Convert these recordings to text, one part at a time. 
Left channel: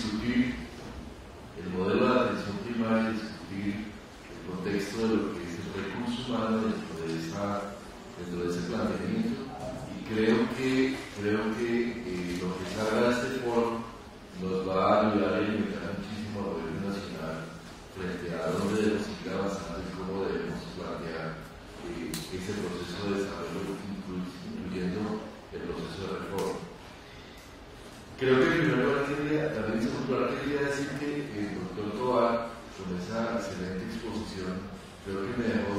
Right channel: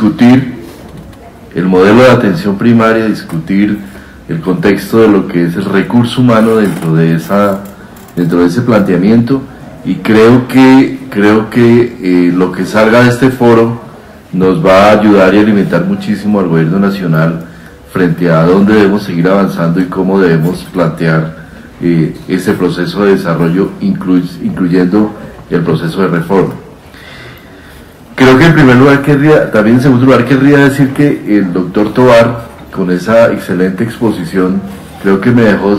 discutir el modelo de atención primaria, discutir el contexto de lo que es el recurso humano dentro de ese planteamiento, y creo que lo que salga de este foro nos va a ayudar y alimentar muchísimo al gobierno nacional frente a dónde debemos seguir avanzando y cómo debemos plantear ese proceso de desarrollo, incluyendo el proceso de reforma. Creo que en primer lugar también en segundo lugar querría decir que el doctor Tovar, con esa excelente exposición, creo que me dejó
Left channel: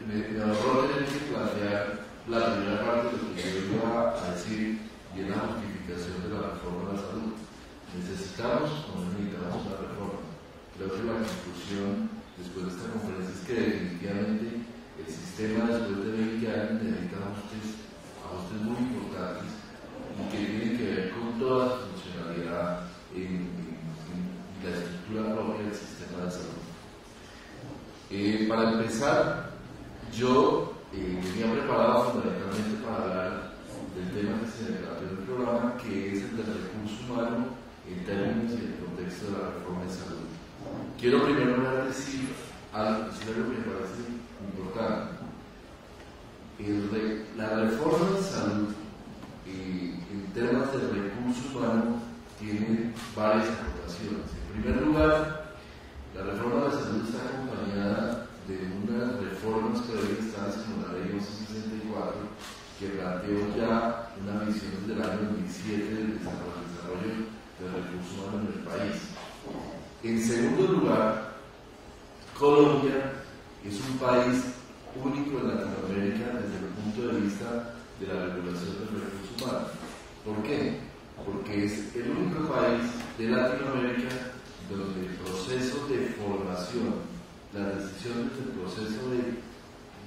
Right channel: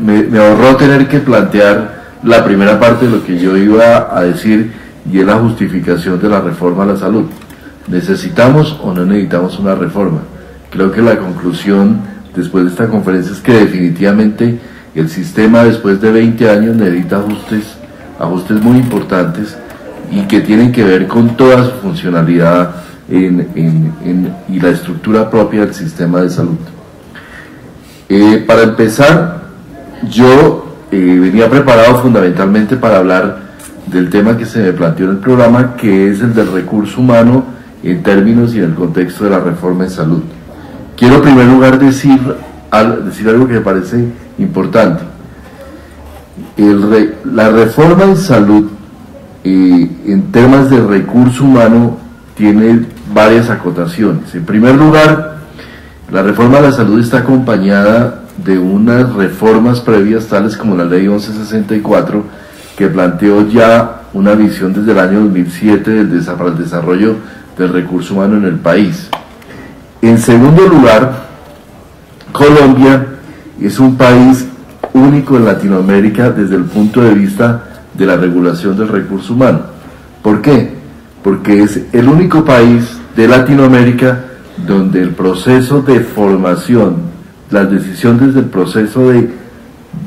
me ahorró tener que plantear la primera parte de lo que yo iba a decir, y es la justificación de la reforma a la salud. ¿Necesitamos o no necesitamos una reforma? Creo que la conclusión después de esta conferencia es que definitivamente el sistema después de 20 años necesita ajustes muy importantes, y que tienen que ver con toda su funcionalidad y la estructura propia del sistema de salud. Para empezar, yo venía preparado fundamentalmente para hablar del tema que se me planteó en el programa, que es el del recurso humano en términos y en el contexto de la reforma en salud. Quiero en primer lugar decir algo que me parece importante. La reforma en salud, en temas de recurso humano, tiene varias acotaciones. En primer lugar, la reforma a la salud está acompañada de unas reformas previas, tales como la ley 1164, que planteó ya una visión desde el año 2007 para el desarrollo del recurso humano en el país. En segundo lugar, Colombia es un país único en Latinoamérica desde el punto de vista de la regulación del recurso humano. ¿Por qué? Porque es el único país de Latinoamérica donde el proceso de formación, las decisiones del proceso de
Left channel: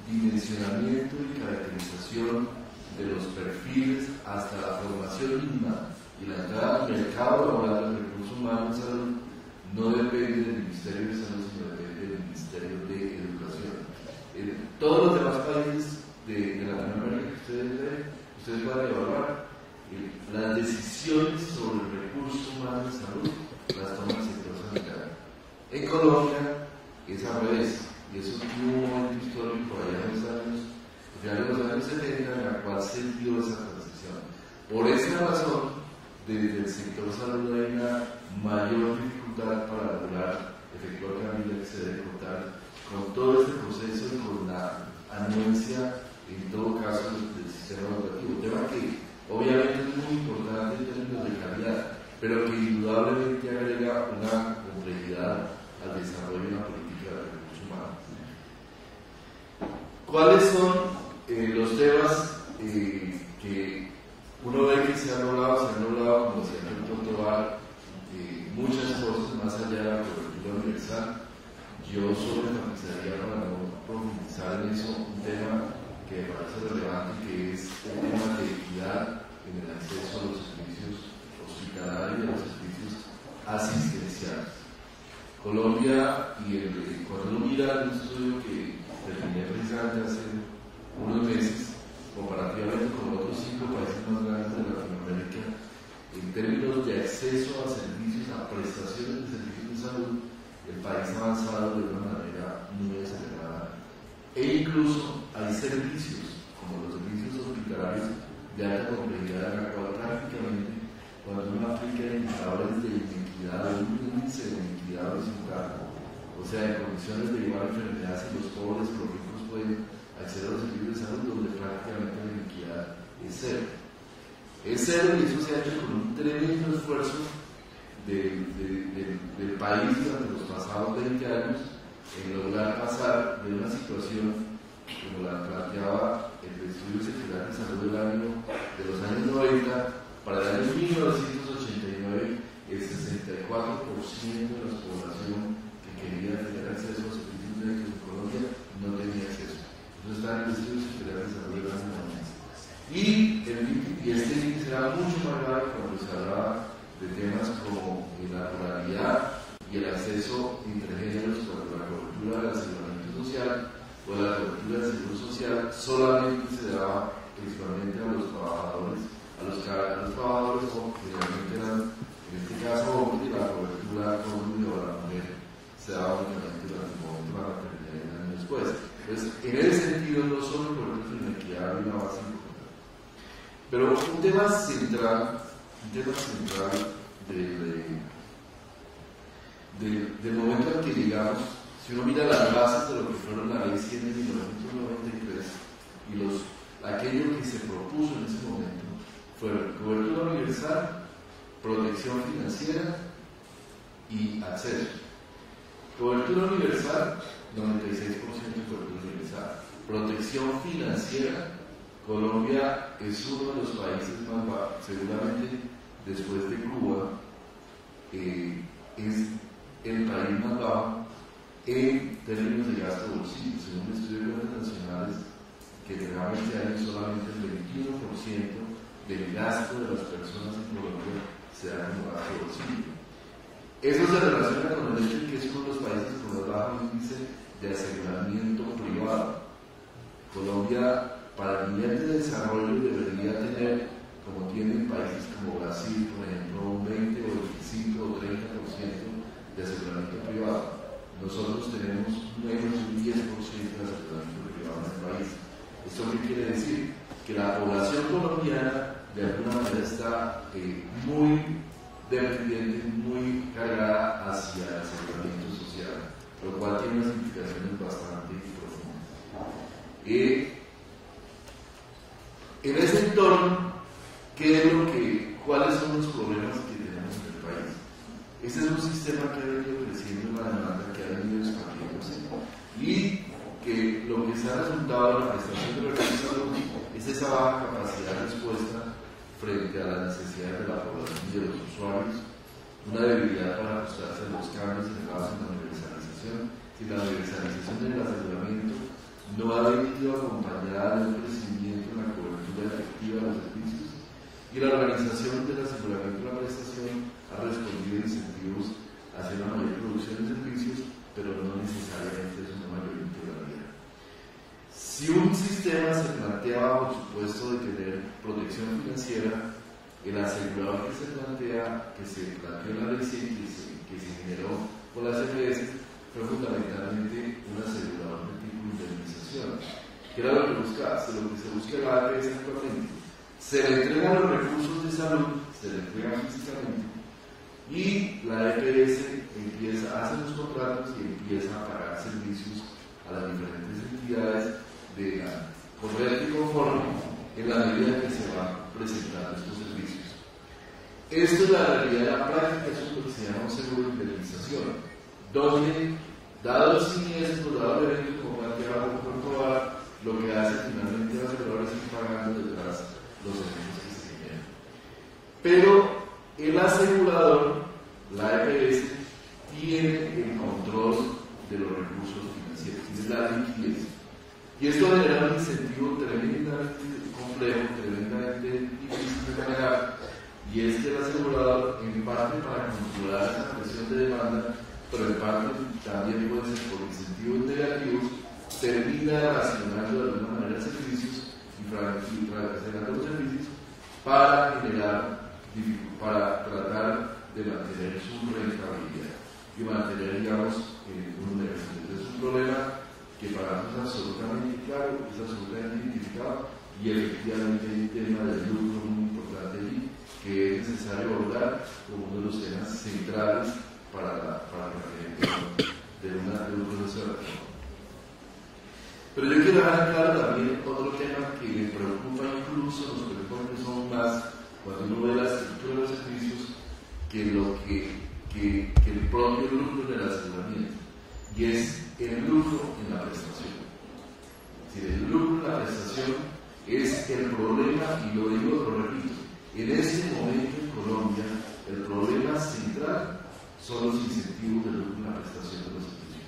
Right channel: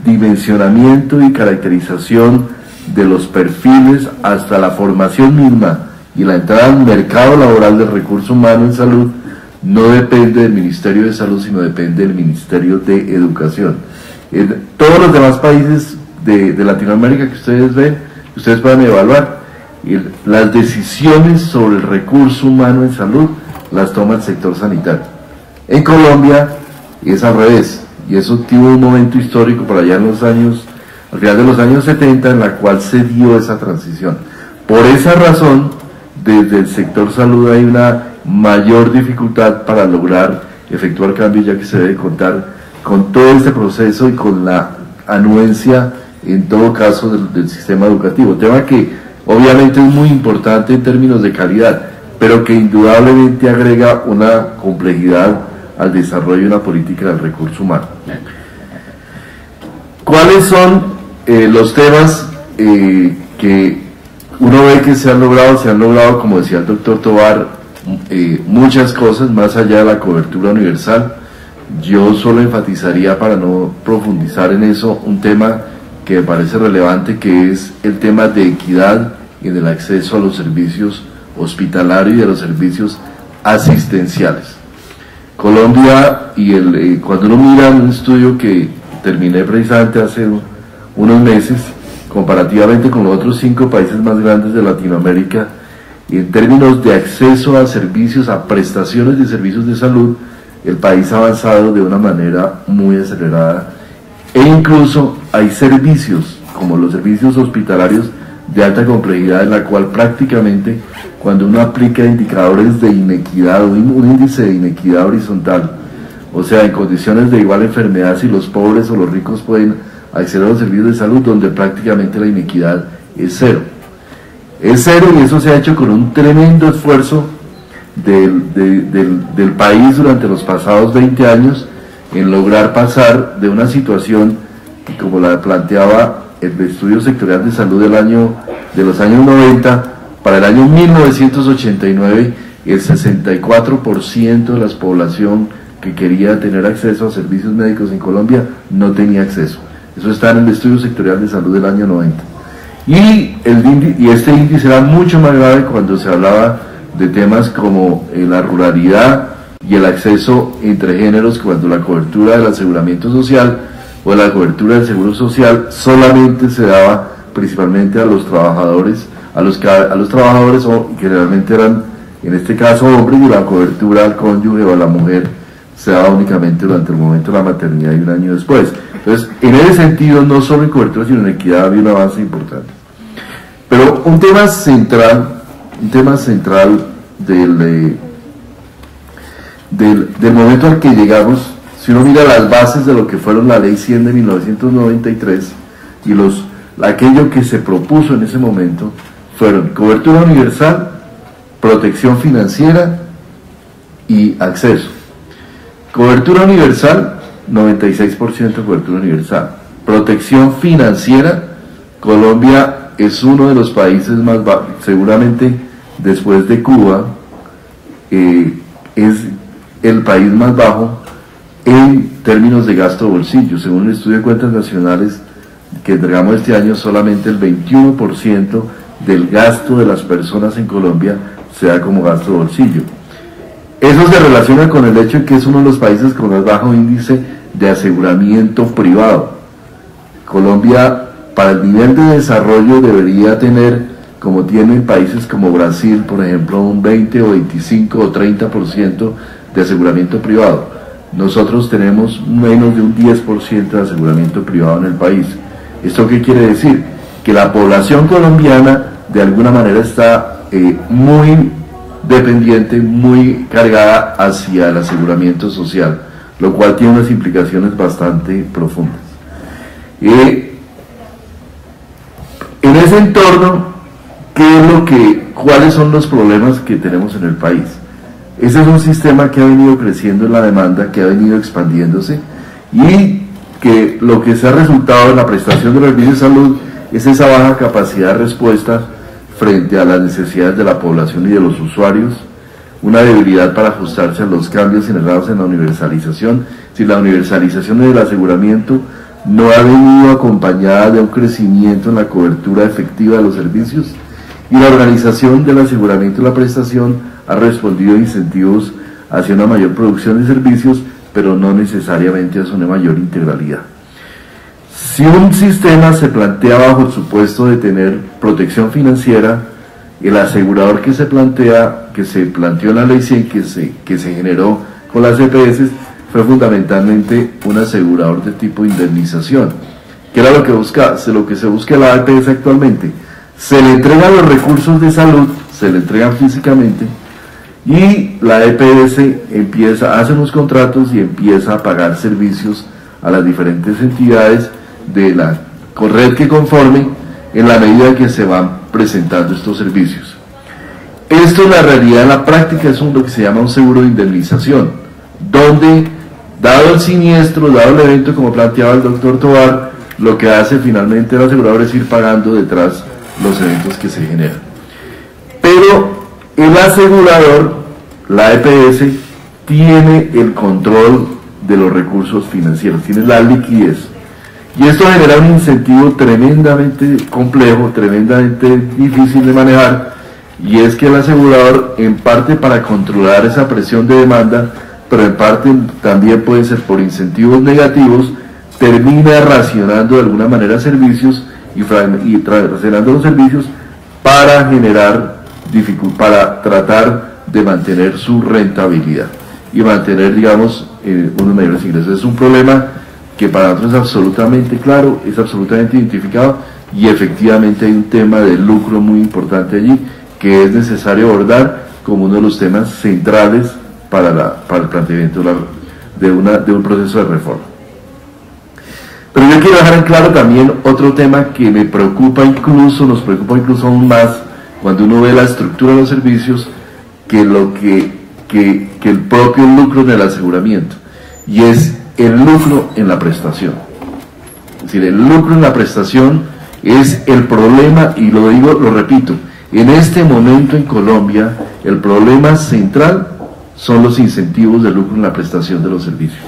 dimensionamiento y caracterización de los perfiles hasta la formación misma y la entrada al mercado laboral del recurso humano en salud no depende del Ministerio de Salud, sino depende del Ministerio de Educación. En todos los demás países de Latinoamérica que ustedes ven, ustedes pueden evaluar, las decisiones sobre el recurso humano en salud las toma el sector sanitario. En Colombia es al revés, y eso tuvo un momento histórico por allá al final de los años 70, en la cual se dio esa transición. Por esa razón, desde el sector salud hay una mayor dificultad para lograr efectuar cambios, ya que se debe contar con todo este proceso y con la anuencia, en todo caso, del sistema educativo, tema que obviamente es muy importante en términos de calidad, pero que indudablemente agrega una complejidad al desarrollo de una política del recurso humano. ¿Cuáles son los temas que uno ve que se han logrado, como decía el doctor Tovar, muchas cosas más allá de la cobertura universal? Yo solo enfatizaría, para no profundizar en eso, un tema que me parece relevante, que es el tema de equidad en el acceso a los servicios hospitalarios y a los servicios asistenciales. Colombia, cuando uno mira un estudio que terminé precisamente hace unos meses, comparativamente con los otros 5 países más grandes de Latinoamérica, en términos de acceso a servicios, a prestaciones de servicios de salud, el país ha avanzado de una manera muy acelerada, e incluso hay servicios, como los servicios hospitalarios de alta complejidad, en la cual prácticamente cuando uno aplica indicadores de inequidad, un índice de inequidad horizontal, o sea, en condiciones de igual enfermedad, si los pobres o los ricos pueden acceder a los servicios de salud, donde prácticamente la inequidad es cero. Es cero, y eso se ha hecho con un tremendo esfuerzo del país durante los pasados 20 años en lograr pasar de una situación que, como la planteaba el estudio sectorial de salud de los años 90, para el año 1989 el 64% de la población que quería tener acceso a servicios médicos en Colombia no tenía acceso. Eso está en el estudio sectorial de salud del año 90. Y este índice era mucho más grave cuando se hablaba de temas como la ruralidad y el acceso entre géneros, cuando la cobertura del aseguramiento social o la cobertura del seguro social solamente se daba principalmente a los trabajadores, a los trabajadores, o generalmente eran, en este caso, hombres, y la cobertura al cónyuge o a la mujer se daba únicamente durante el momento de la maternidad y un año después. Entonces, en ese sentido, no solo en cobertura, sino en equidad había un avance importante. Pero un tema central del momento al que llegamos, si uno mira las bases de lo que fueron la Ley 100 de 1993 y aquello que se propuso en ese momento, fueron cobertura universal, protección financiera y acceso. Cobertura universal, 96% de cobertura universal. Protección financiera, Colombia es uno de los países más bajos, seguramente después de Cuba, es el país más bajo en términos de gasto de bolsillo. Según el estudio de cuentas nacionales que entregamos este año, solamente el 21% del gasto de las personas en Colombia se da como gasto de bolsillo. Eso se relaciona con el hecho de que es uno de los países con más bajo índice de aseguramiento privado. Colombia, para el nivel de desarrollo, debería tener, como tienen países como Brasil, por ejemplo, un 20 o 25 o 30% de aseguramiento privado. Nosotros tenemos menos de un 10% de aseguramiento privado en el país. ¿Esto qué quiere decir? Que la población colombiana de alguna manera está muy dependiente, muy cargada hacia el aseguramiento social, lo cual tiene unas implicaciones bastante profundas. En ese entorno, ¿cuáles son los problemas que tenemos en el país? Ese es un sistema que ha venido creciendo en la demanda, que ha venido expandiéndose, y que lo que se ha resultado en la prestación de los servicios de salud es esa baja capacidad de respuesta frente a las necesidades de la población y de los usuarios, una debilidad para ajustarse a los cambios generados en la universalización. Si la universalización del aseguramiento no ha venido acompañada de un crecimiento en la cobertura efectiva de los servicios, y la organización del aseguramiento y la prestación ha respondido a incentivos hacia una mayor producción de servicios, pero no necesariamente hacia una mayor integralidad. Si un sistema se plantea bajo el supuesto de tener protección financiera, el asegurador que se planteó en la Ley 100, que se generó con las EPS, fue fundamentalmente un asegurador de tipo indemnización, que era lo que se busca en la EPS actualmente. Se le entregan los recursos de salud, se le entregan físicamente, y la EPS hace unos contratos y empieza a pagar servicios a las diferentes entidades de la red que conforme en la medida que se van presentando estos servicios. Esto en la realidad, en la práctica, es lo que se llama un seguro de indemnización, donde, dado el siniestro, dado el evento, como planteaba el doctor Tovar, lo que hace finalmente el asegurador es ir pagando detrás los eventos que se generan. Pero el asegurador, la EPS, tiene el control de los recursos financieros, tiene la liquidez. Y esto genera un incentivo tremendamente complejo, tremendamente difícil de manejar, y es que el asegurador, en parte para controlar esa presión de demanda, pero en parte también puede ser por incentivos negativos, termina racionando de alguna manera servicios y racionando los servicios para para tratar de mantener su rentabilidad y mantener, digamos, unos mayores ingresos. Es un problema que para nosotros es absolutamente claro, es absolutamente identificado, y efectivamente hay un tema de lucro muy importante allí que es necesario abordar como uno de los temas centrales para el planteamiento de un proceso de reforma. Pero yo quiero dejar en claro también otro tema que nos preocupa incluso aún más cuando uno ve la estructura de los servicios que el propio lucro en el aseguramiento, y es el lucro en la prestación. Es decir, el lucro en la prestación es el problema, y lo repito, en este momento en Colombia el problema central son los incentivos de lucro en la prestación de los servicios.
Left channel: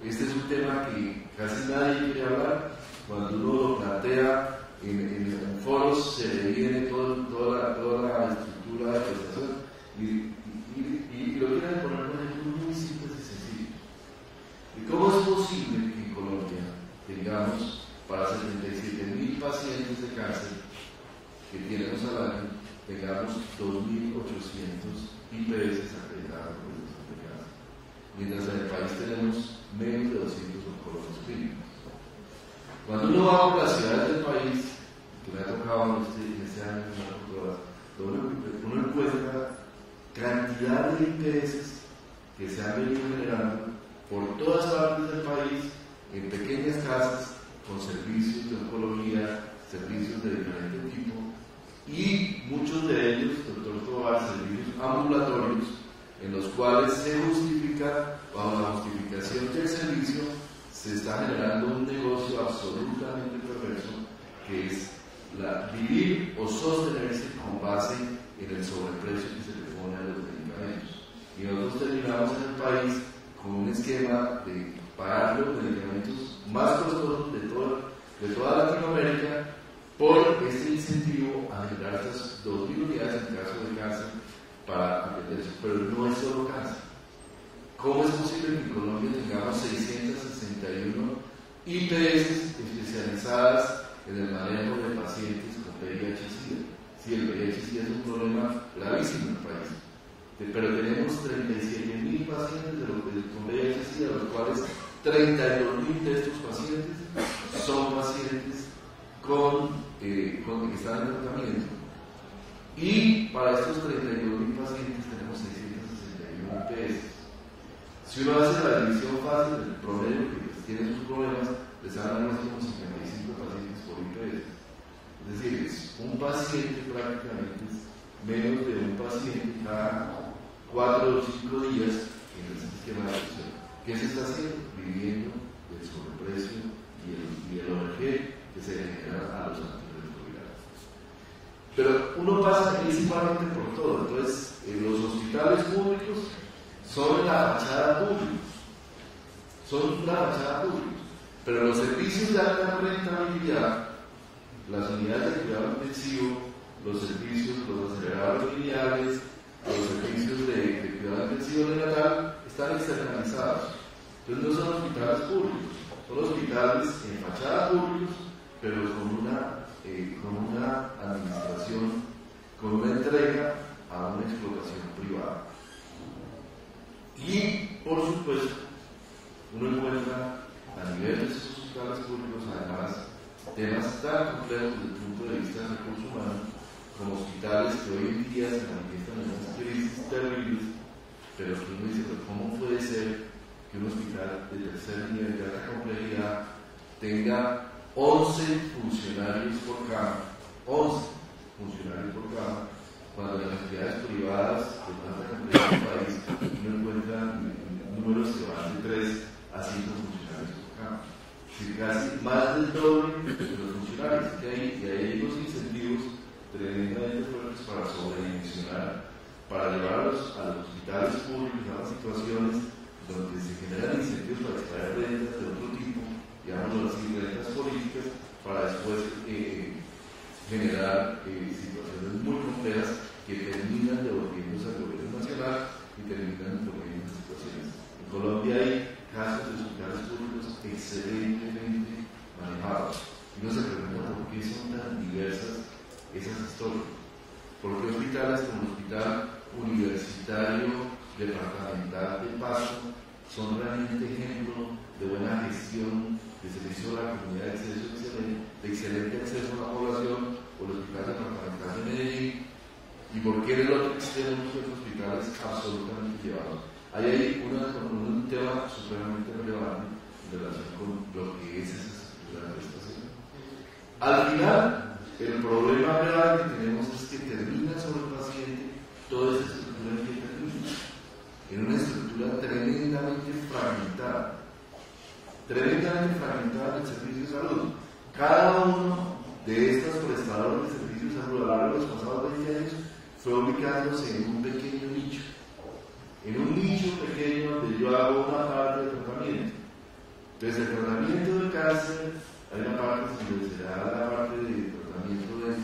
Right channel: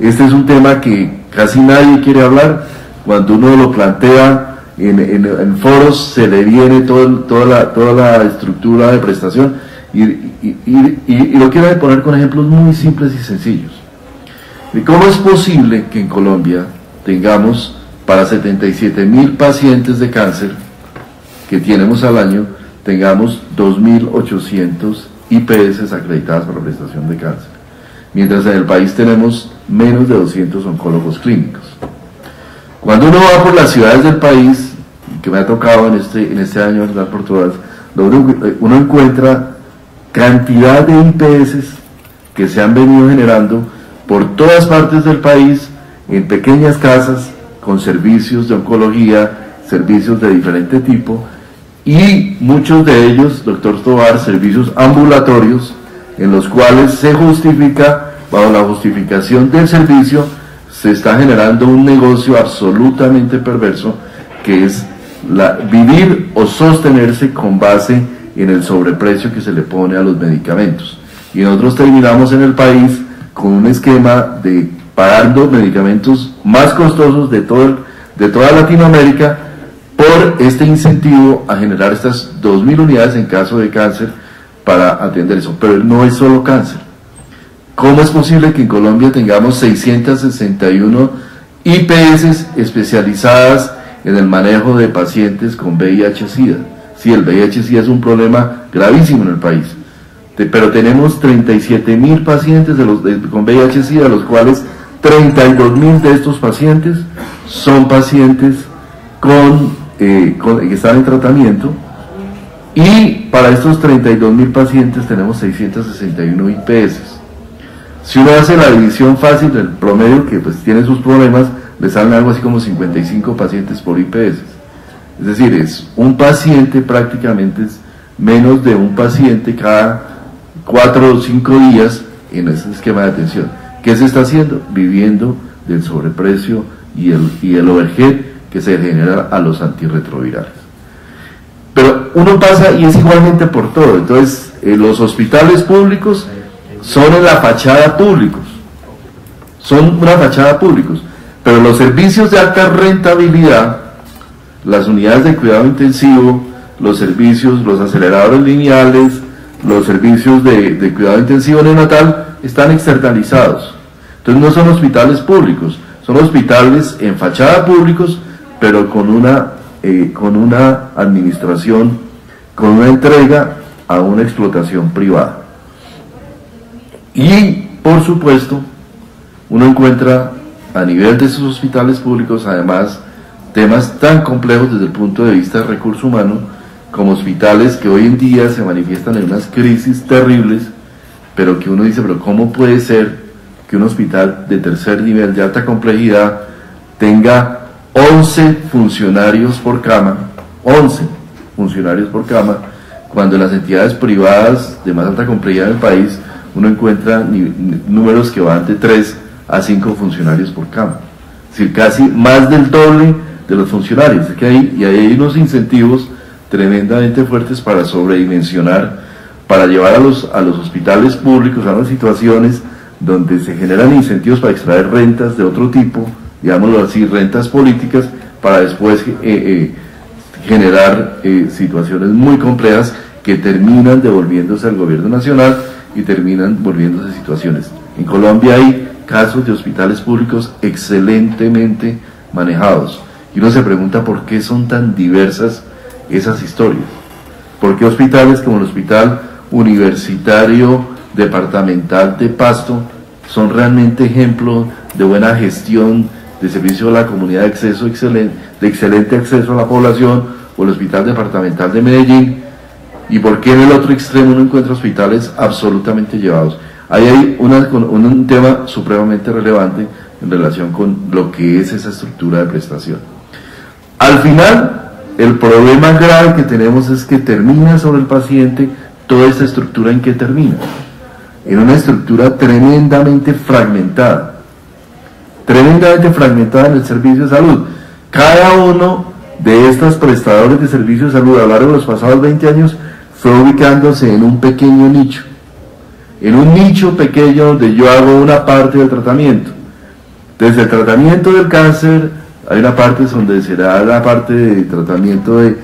Este es un tema que casi nadie quiere hablar. Cuando uno lo plantea en foros, se le viene toda la estructura de prestación, y lo quiero poner con ejemplos muy simples y sencillos. ¿Cómo es posible que en Colombia tengamos para 77.000 pacientes de cáncer que tenemos al año, tengamos 2.800 IPS acreditadas para la prestación de cáncer, mientras en el país tenemos menos de 200 oncólogos clínicos. Cuando uno va por las ciudades del país, que me ha tocado en este año andar por todas, uno encuentra cantidad de IPS que se han venido generando por todas partes del país, en pequeñas casas, con servicios de oncología, servicios de diferente tipo, y muchos de ellos, doctor Tovar, servicios ambulatorios, en los cuales se justifica, bajo la justificación del servicio, se está generando un negocio absolutamente perverso, que es vivir o sostenerse con base en el sobreprecio que se le pone a los medicamentos. Y nosotros terminamos en el país con un esquema de pagando medicamentos más costosos de toda Latinoamérica por este incentivo a generar estas 2.000 unidades en caso de cáncer para atender eso. Pero no es solo cáncer. ¿Cómo es posible que en Colombia tengamos 661 IPS especializadas en el manejo de pacientes con VIH-Sida? Sí, el VIH-Sida es un problema gravísimo en el país, pero tenemos 37.000 pacientes con VIH-Sida, los cuales 32.000 de estos pacientes son pacientes que están en tratamiento, y para estos 32.000 pacientes tenemos 661 IPS. Si uno hace la división fácil del promedio, que pues tiene sus problemas, le salen algo así como 55 pacientes por IPS. Es decir, es un paciente, prácticamente es menos de un paciente cada 4 o 5 días en ese esquema de atención. ¿Qué se está haciendo? Viviendo del sobreprecio y el overhead que se genera a los antirretrovirales. Pero uno pasa y es igualmente por todo. Entonces, los hospitales públicos son en la fachada públicos, son una fachada públicos, pero los servicios de alta rentabilidad, las unidades de cuidado intensivo, los servicios, los aceleradores lineales, los servicios de cuidado intensivo neonatal, están externalizados. Entonces no son hospitales públicos, son hospitales en fachada públicos, pero con una administración, con una entrega a una explotación privada. Y, por supuesto, uno encuentra a nivel de esos hospitales públicos, además, temas tan complejos desde el punto de vista del recurso humano, como hospitales que hoy en día se manifiestan en unas crisis terribles, pero que uno dice, pero ¿cómo puede ser que un hospital de tercer nivel de alta complejidad tenga 11 funcionarios por cama, 11 funcionarios por cama, cuando en las entidades privadas de más alta complejidad del país uno encuentra números que van de 3 a 5 funcionarios por cama? Es decir, casi más del doble de los funcionarios. Es que hay unos incentivos tremendamente fuertes para sobredimensionar, para llevar a los hospitales públicos a unas situaciones donde se generan incentivos para extraer rentas de otro tipo, digámoslo así, rentas políticas, para después generar situaciones muy complejas que terminan devolviéndose al gobierno nacional y terminan volviéndose situaciones. En Colombia hay casos de hospitales públicos excelentemente manejados, y uno se pregunta por qué son tan diversas esas historias. ¿Por qué hospitales como el Hospital Universitario Departamental de Pasto son realmente ejemplo de buena gestión de servicio a la comunidad de excelente acceso a la población, o el Hospital Departamental de Medellín? ¿Y por qué en el otro extremo uno encuentra hospitales absolutamente llevados? Ahí hay un tema supremamente relevante en relación con lo que es esa estructura de prestación. Al final, el problema grave que tenemos es que termina sobre el paciente toda esta estructura. ¿En qué termina? En una estructura tremendamente fragmentada en el servicio de salud. Cada uno de estos prestadores de servicios de salud a lo largo de los pasados 20 años fue ubicándose en un pequeño nicho, en un nicho pequeño donde yo hago una parte del tratamiento. Desde el tratamiento del cáncer, hay una parte donde será la parte de tratamiento de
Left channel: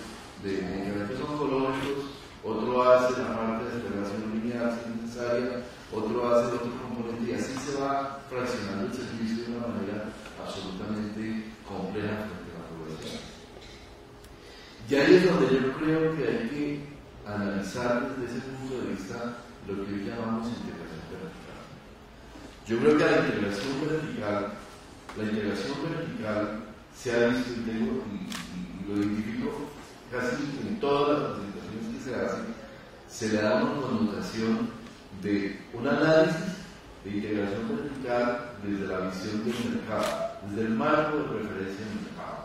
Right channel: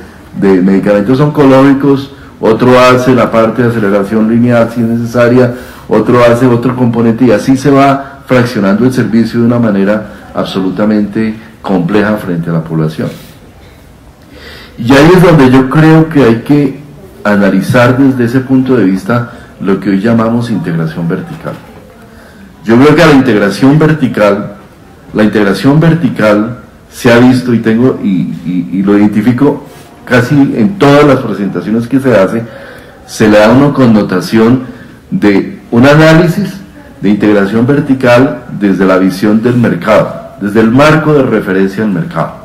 medicamentos oncológicos, otro hace la parte de aceleración lineal si es necesaria, otro hace otro componente, y así se va fraccionando el servicio de una manera absolutamente compleja frente a la población. Y ahí es donde yo creo que hay que analizar desde ese punto de vista lo que hoy llamamos integración vertical. Yo creo que la integración vertical se ha visto y lo identifico casi en todas las presentaciones que se hace, se le da una connotación de un análisis de integración vertical desde la visión del mercado, desde el marco de referencia del mercado.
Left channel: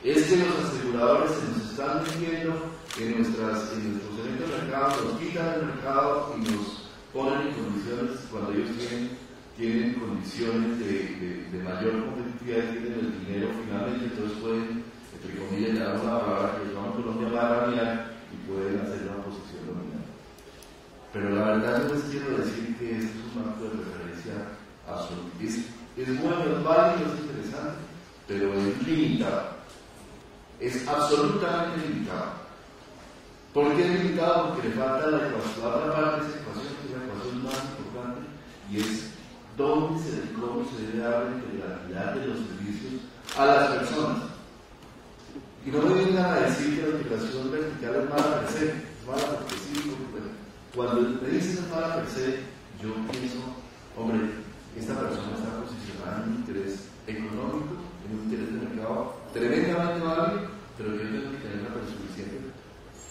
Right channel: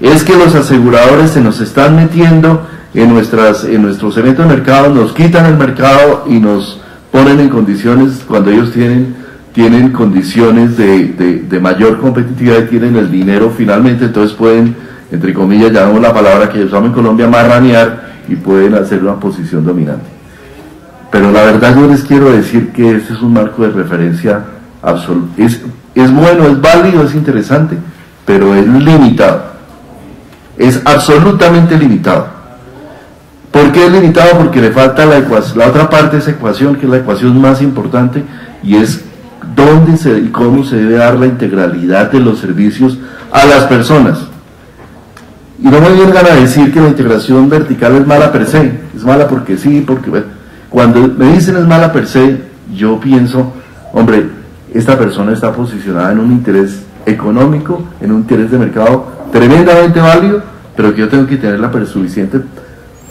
Es que los aseguradores se nos están metiendo en nuestros eventos de mercado, nos quitan el mercado y nos ponen en condiciones, cuando ellos tienen condiciones de mayor competitividad y tienen el dinero finalmente, entonces pueden, entre comillas, llamamos la palabra que usamos en Colombia, marranear, y pueden hacer una posición dominante. Pero la verdad yo les quiero decir que este es un marco de referencia absoluto. Es bueno, es válido, es interesante, pero es limitado. Es absolutamente limitado. ¿Por qué es limitado? Porque le falta la otra parte de esa ecuación, que es la ecuación más importante, y es dónde y cómo se debe dar la integralidad de los servicios a las personas. Y no me vengan a decir que la integración vertical es mala per se, es mala porque sí, porque... Cuando me dicen es mala per se, yo pienso, hombre, esta persona está posicionada en un interés económico, en un interés de mercado tremendamente válido, pero que yo tengo que tener la suficiente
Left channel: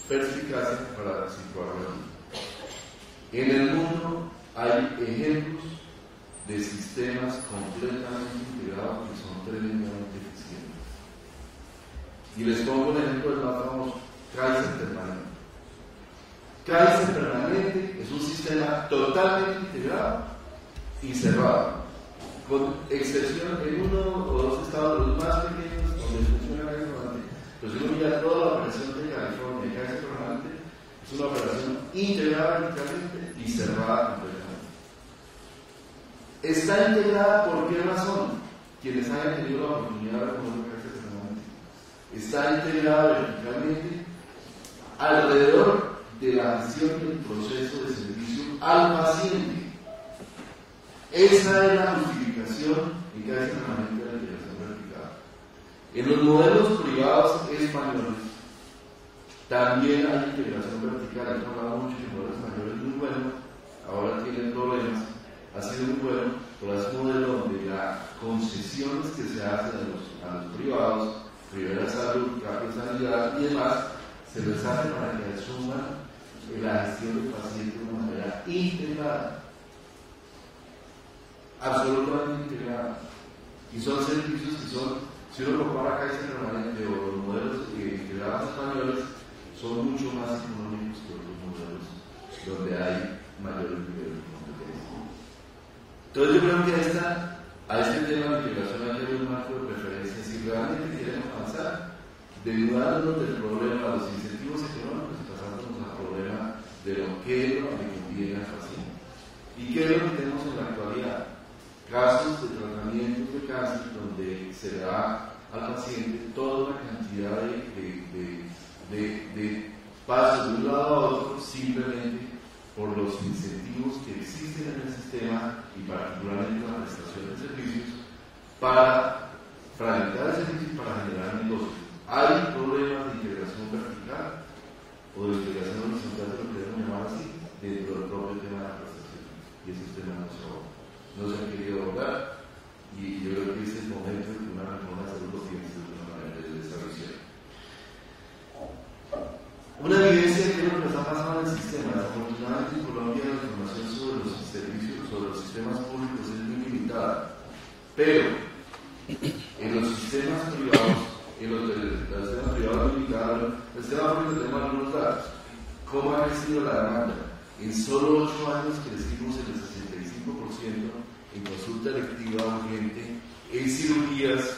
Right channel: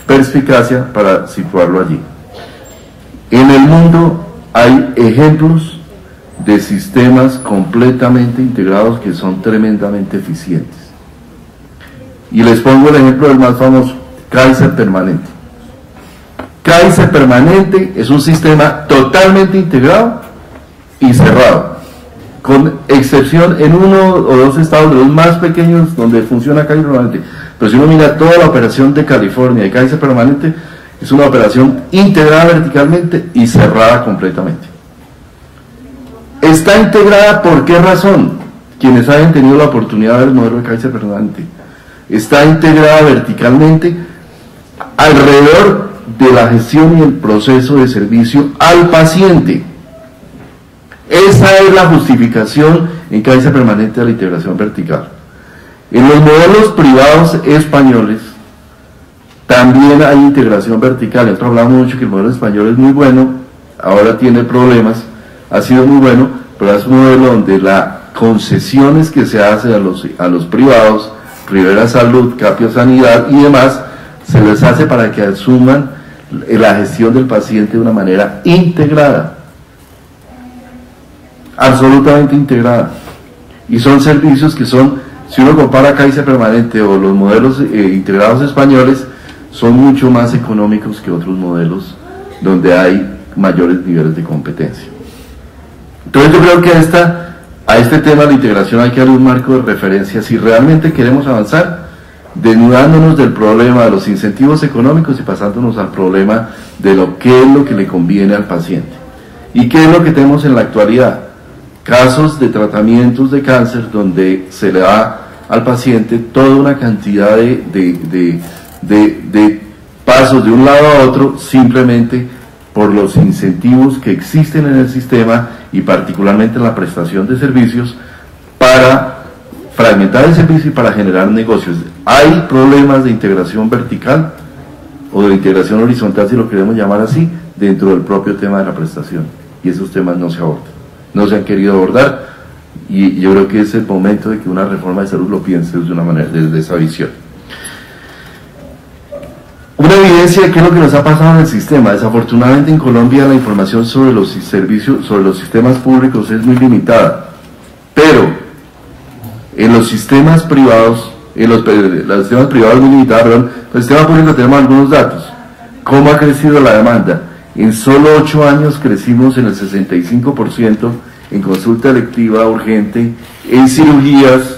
perspicacia para situarlo allí. En el mundo hay ejemplos de sistemas completamente integrados que son tremendamente eficientes. Y les pongo el ejemplo del más famoso, Kaiser Permanente. Kaiser Permanente es un sistema totalmente integrado y cerrado, con excepción en uno o dos estados de los más pequeños donde funciona Kaiser Permanente. Pero si uno mira toda la operación de California y Kaiser Permanente, es una operación integrada verticalmente y cerrada completamente. Está integrada, ¿por qué razón? Quienes hayan tenido la oportunidad de ver el modelo de Kaiser Permanente, está integrada verticalmente alrededor de la gestión y el proceso de servicio al paciente. Esa es la justificación en Kaiser Permanente de la integración vertical. En los modelos privados españoles también hay integración vertical. Nosotros hablamos mucho que el modelo español es muy bueno, ahora tiene problemas, ha sido muy bueno, pero es un modelo donde las concesiones que se hacen a los privados, Rivera Salud, Capio Sanidad y demás, se les hace para que asuman la gestión del paciente de una manera integrada, absolutamente integrada. Y son servicios que son, si uno compara Kaiser Permanente o los modelos integrados españoles, son mucho más económicos que otros modelos donde hay mayores niveles de competencia. Entonces yo creo que a este tema de la integración hay que darle un marco de referencia si realmente queremos avanzar, desnudándonos del problema de los incentivos económicos y pasándonos al problema de qué es lo que le conviene al paciente. ¿Y qué es lo que tenemos en la actualidad? Casos de tratamientos de cáncer donde se le da al paciente toda una cantidad de pasos de un lado a otro simplemente por los incentivos que existen en el sistema y particularmente en la prestación de servicios para fragmentar el servicio y para generar negocios. Hay problemas de integración vertical o de integración horizontal, si lo queremos llamar así, dentro del propio tema de la prestación, y esos temas no se abordan, no se han querido abordar, y yo creo que es el momento de que una reforma de salud lo piense de una manera, desde esa visión. Una evidencia de qué es lo que nos ha pasado en el sistema. Desafortunadamente en Colombia la información sobre los servicios, sobre los sistemas públicos es muy limitada, pero en los sistemas privados, los sistemas privados muy limitados, perdón, en el sistema público tenemos algunos datos. ¿Cómo ha crecido la demanda? En solo 8 años crecimos en el 65% en consulta electiva urgente, en cirugías,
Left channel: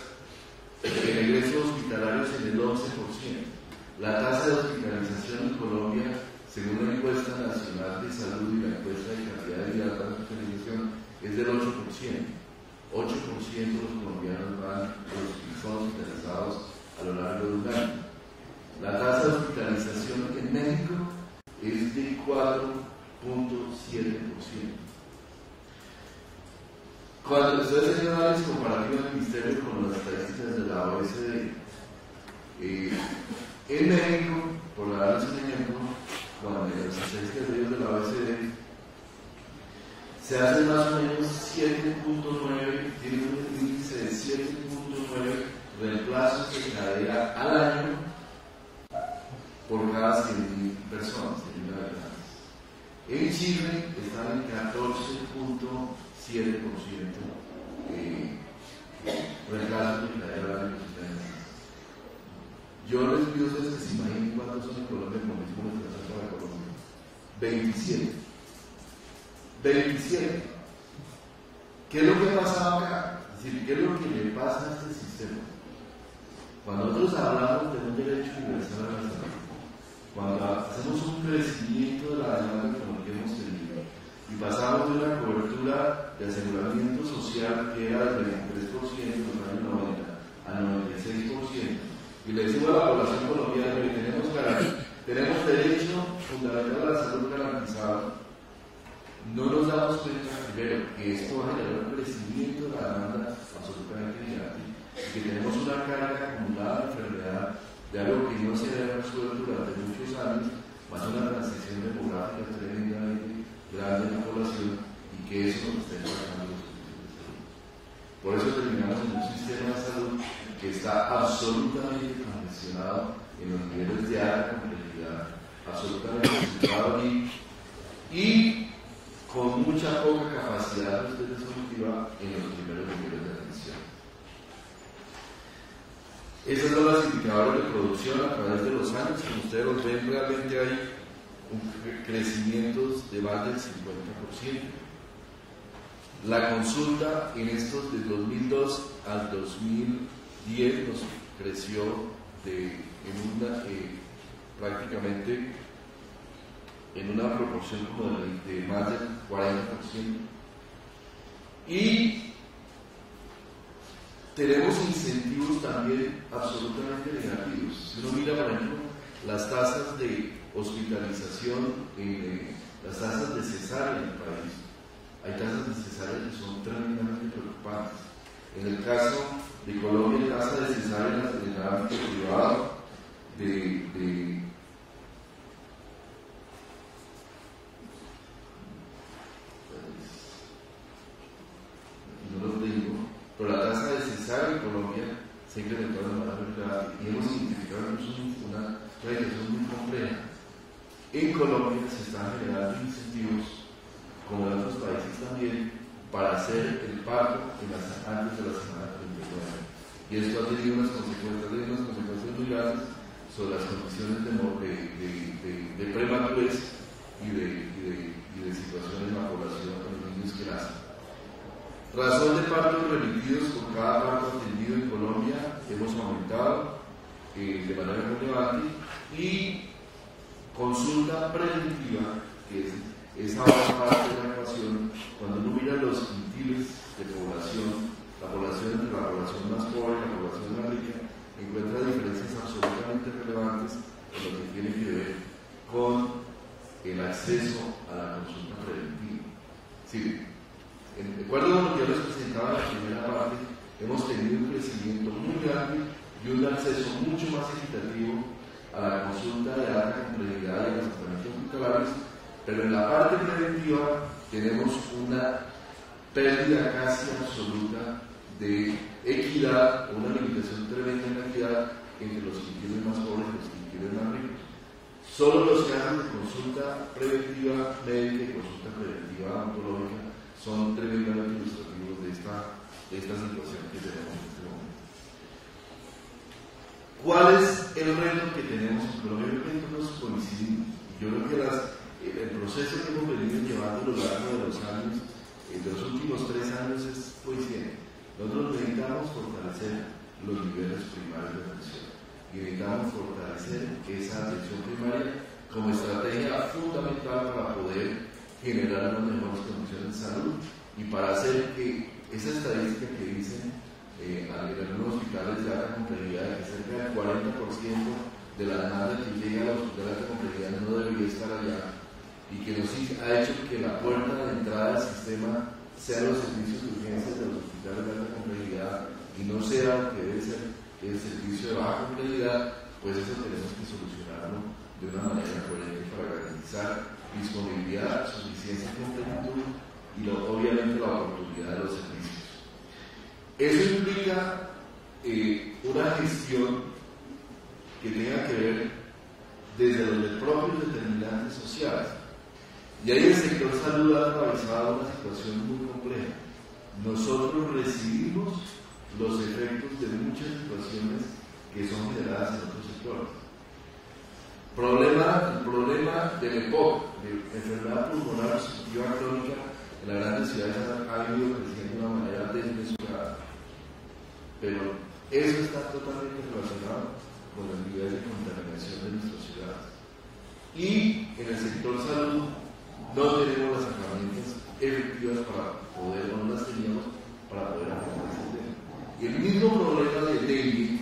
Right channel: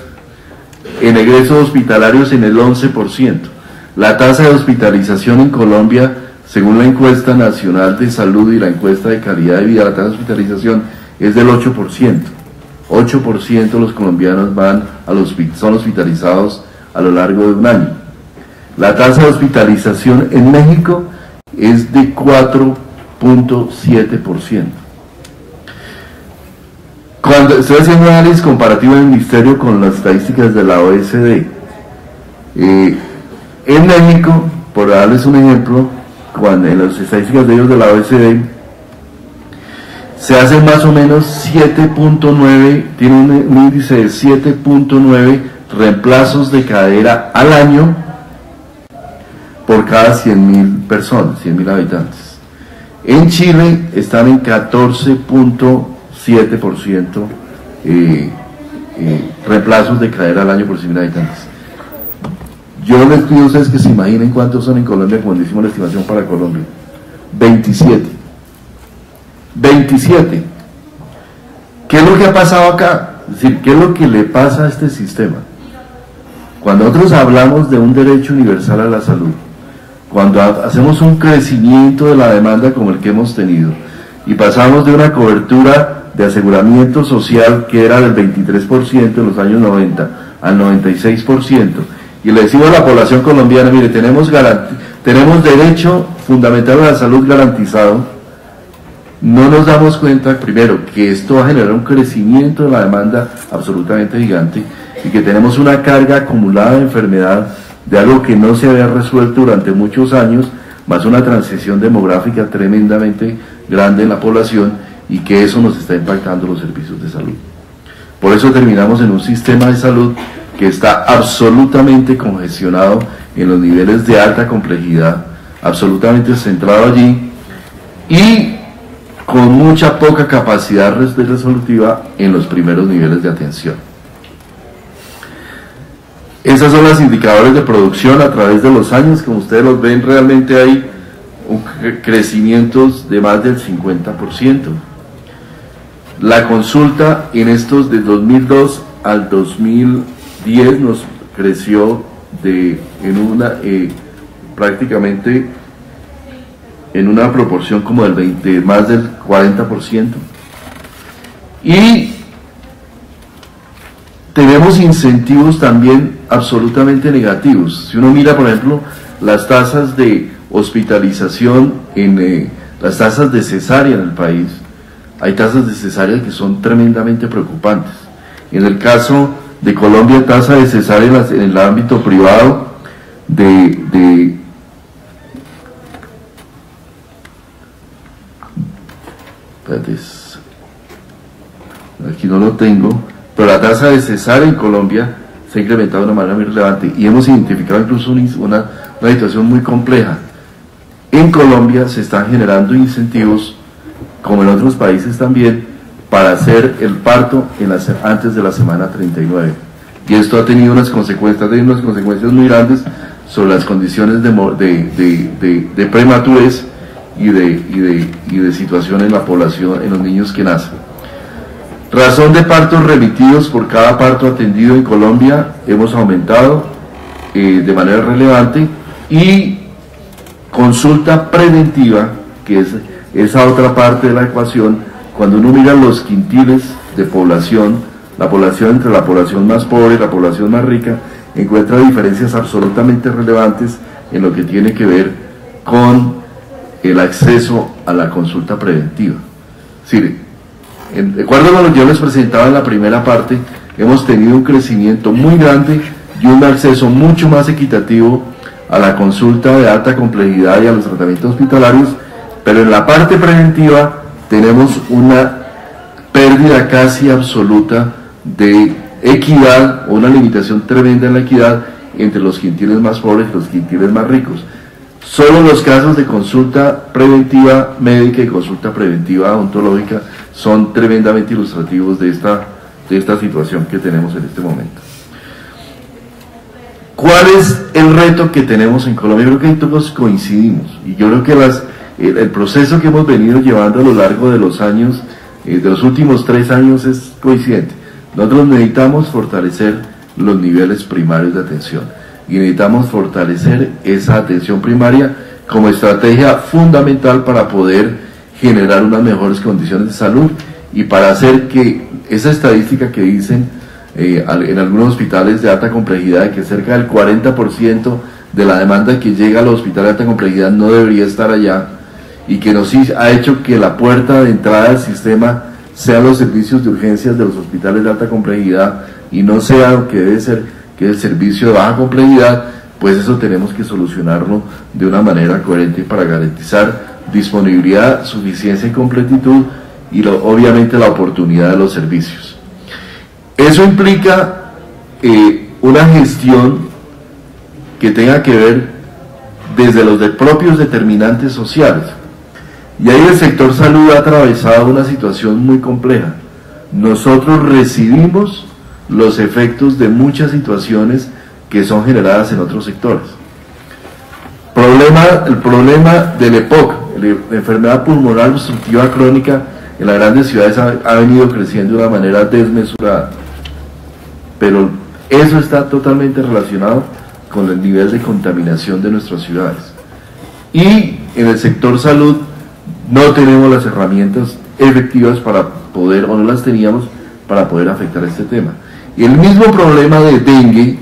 en egresos hospitalarios en el 11%. La tasa de hospitalización en Colombia, según la encuesta nacional de salud y la encuesta de calidad de vida, la tasa de hospitalización es del 8%. 8% de los colombianos son hospitalizados a lo largo de un año. La tasa de hospitalización en México es de 4.7%. Cuando estoy haciendo un análisis comparativo del Ministerio con las estadísticas de la OECD, En México, por darles un ejemplo, cuando en las estadísticas de ellos de la OECD, se hacen más o menos 7.9, tiene un índice de 7.9 reemplazos de cadera al año por cada 100.000 personas, 100.000 habitantes. En Chile están en 14.7% reemplazos de cadera al año por 100.000 habitantes. Yo les pido a ustedes que se imaginen cuántos son en Colombia, como decimos la estimación para Colombia. 27. 27. ¿Qué es lo que ha pasado acá? Es decir, ¿qué es lo que le pasa a este sistema? Cuando nosotros hablamos de un derecho universal a la salud, cuando hacemos un crecimiento de la demanda como el que hemos tenido, y pasamos de una cobertura de aseguramiento social que era del 23% en los años 90 al 96%, y le decimos a la población colombiana, mire, tenemos derecho fundamental a la salud garantizado, no nos damos cuenta, primero, que esto va a generar un crecimiento de la demanda absolutamente gigante, y que tenemos una carga acumulada de enfermedad de algo que no se había resuelto durante muchos años, más una transición demográfica tremendamente grande en la población, y que eso nos está impactando los servicios de salud. Por eso terminamos en un sistema de salud que está absolutamente congestionado en los niveles de alta complejidad, absolutamente centrado allí, y con mucha poca capacidad resolutiva en los primeros niveles de atención. Esas son los indicadores de producción a través de los años. Como ustedes los ven, realmente hay crecimientos de más del 50%. La consulta en estos de 2002 al 2010 nos creció prácticamente en una proporción como de más del 40%. Y tenemos incentivos también absolutamente negativos. Si uno mira, por ejemplo, las tasas de hospitalización, las tasas de cesárea en el país, hay tasas de cesárea que son tremendamente preocupantes. En el caso de Colombia, tasa de cesárea en el ámbito privado aquí no lo tengo, pero la tasa de cesárea en Colombia se ha incrementado de una manera muy relevante, y hemos identificado incluso una situación muy compleja. En Colombia se están generando incentivos, como en otros países también, para hacer el parto antes de la semana 39. Y esto ha tenido unas consecuencias muy grandes sobre las condiciones de prematurez y de situación en la población, en los niños que nacen. Razón de partos remitidos por cada parto atendido en Colombia hemos aumentado de manera relevante, y consulta preventiva, que es esa otra parte de la ecuación. Cuando uno mira los quintiles de población, la población entre la población más pobre y la población más rica, encuentra diferencias absolutamente relevantes en lo que tiene que ver con el acceso a la consulta preventiva. Sí, de acuerdo con lo que yo les presentaba en la primera parte, hemos tenido un crecimiento muy grande y un acceso mucho más equitativo a la consulta de alta complejidad y a los tratamientos hospitalarios, pero en la parte preventiva tenemos una pérdida casi absoluta de equidad, o una limitación tremenda en la equidad entre los quintiles más pobres y los quintiles más ricos. Solo los casos de consulta preventiva médica y consulta preventiva odontológica son tremendamente ilustrativos de esta situación que tenemos en este momento. ¿Cuál es el reto que tenemos en Colombia? Yo creo que ahí todos coincidimos, y yo creo que el proceso que hemos venido llevando a lo largo de los años, de los últimos 3 años, es coincidente. Nosotros necesitamos fortalecer los niveles primarios de atención, y necesitamos fortalecer esa atención primaria como estrategia fundamental para poder generar unas mejores condiciones de salud, y para hacer que esa estadística que dicen en algunos hospitales de alta complejidad, que cerca del 40% de la demanda que llega a los hospitales de alta complejidad no debería estar allá, y que nos ha hecho que la puerta de entrada al sistema sean los servicios de urgencias de los hospitales de alta complejidad, y no sea lo que debe ser, que es el servicio de baja complejidad, pues eso tenemos que solucionarlo de una manera coherente para garantizar disponibilidad, suficiencia y completitud y obviamente la oportunidad de los servicios. Eso implica una gestión que tenga que ver desde los propios determinantes sociales. Y ahí el sector salud ha atravesado una situación muy compleja. Nosotros recibimos los efectos de muchas situaciones que son generadas en otros sectores. El problema del EPOC, la enfermedad pulmonar obstructiva crónica, en las grandes ciudades ha venido creciendo de una manera desmesurada, pero eso está totalmente relacionado con el nivel de contaminación de nuestras ciudades. Y en el sector salud no tenemos las herramientas efectivas para poder, o no las teníamos, para poder afectar este tema. Y el mismo problema de dengue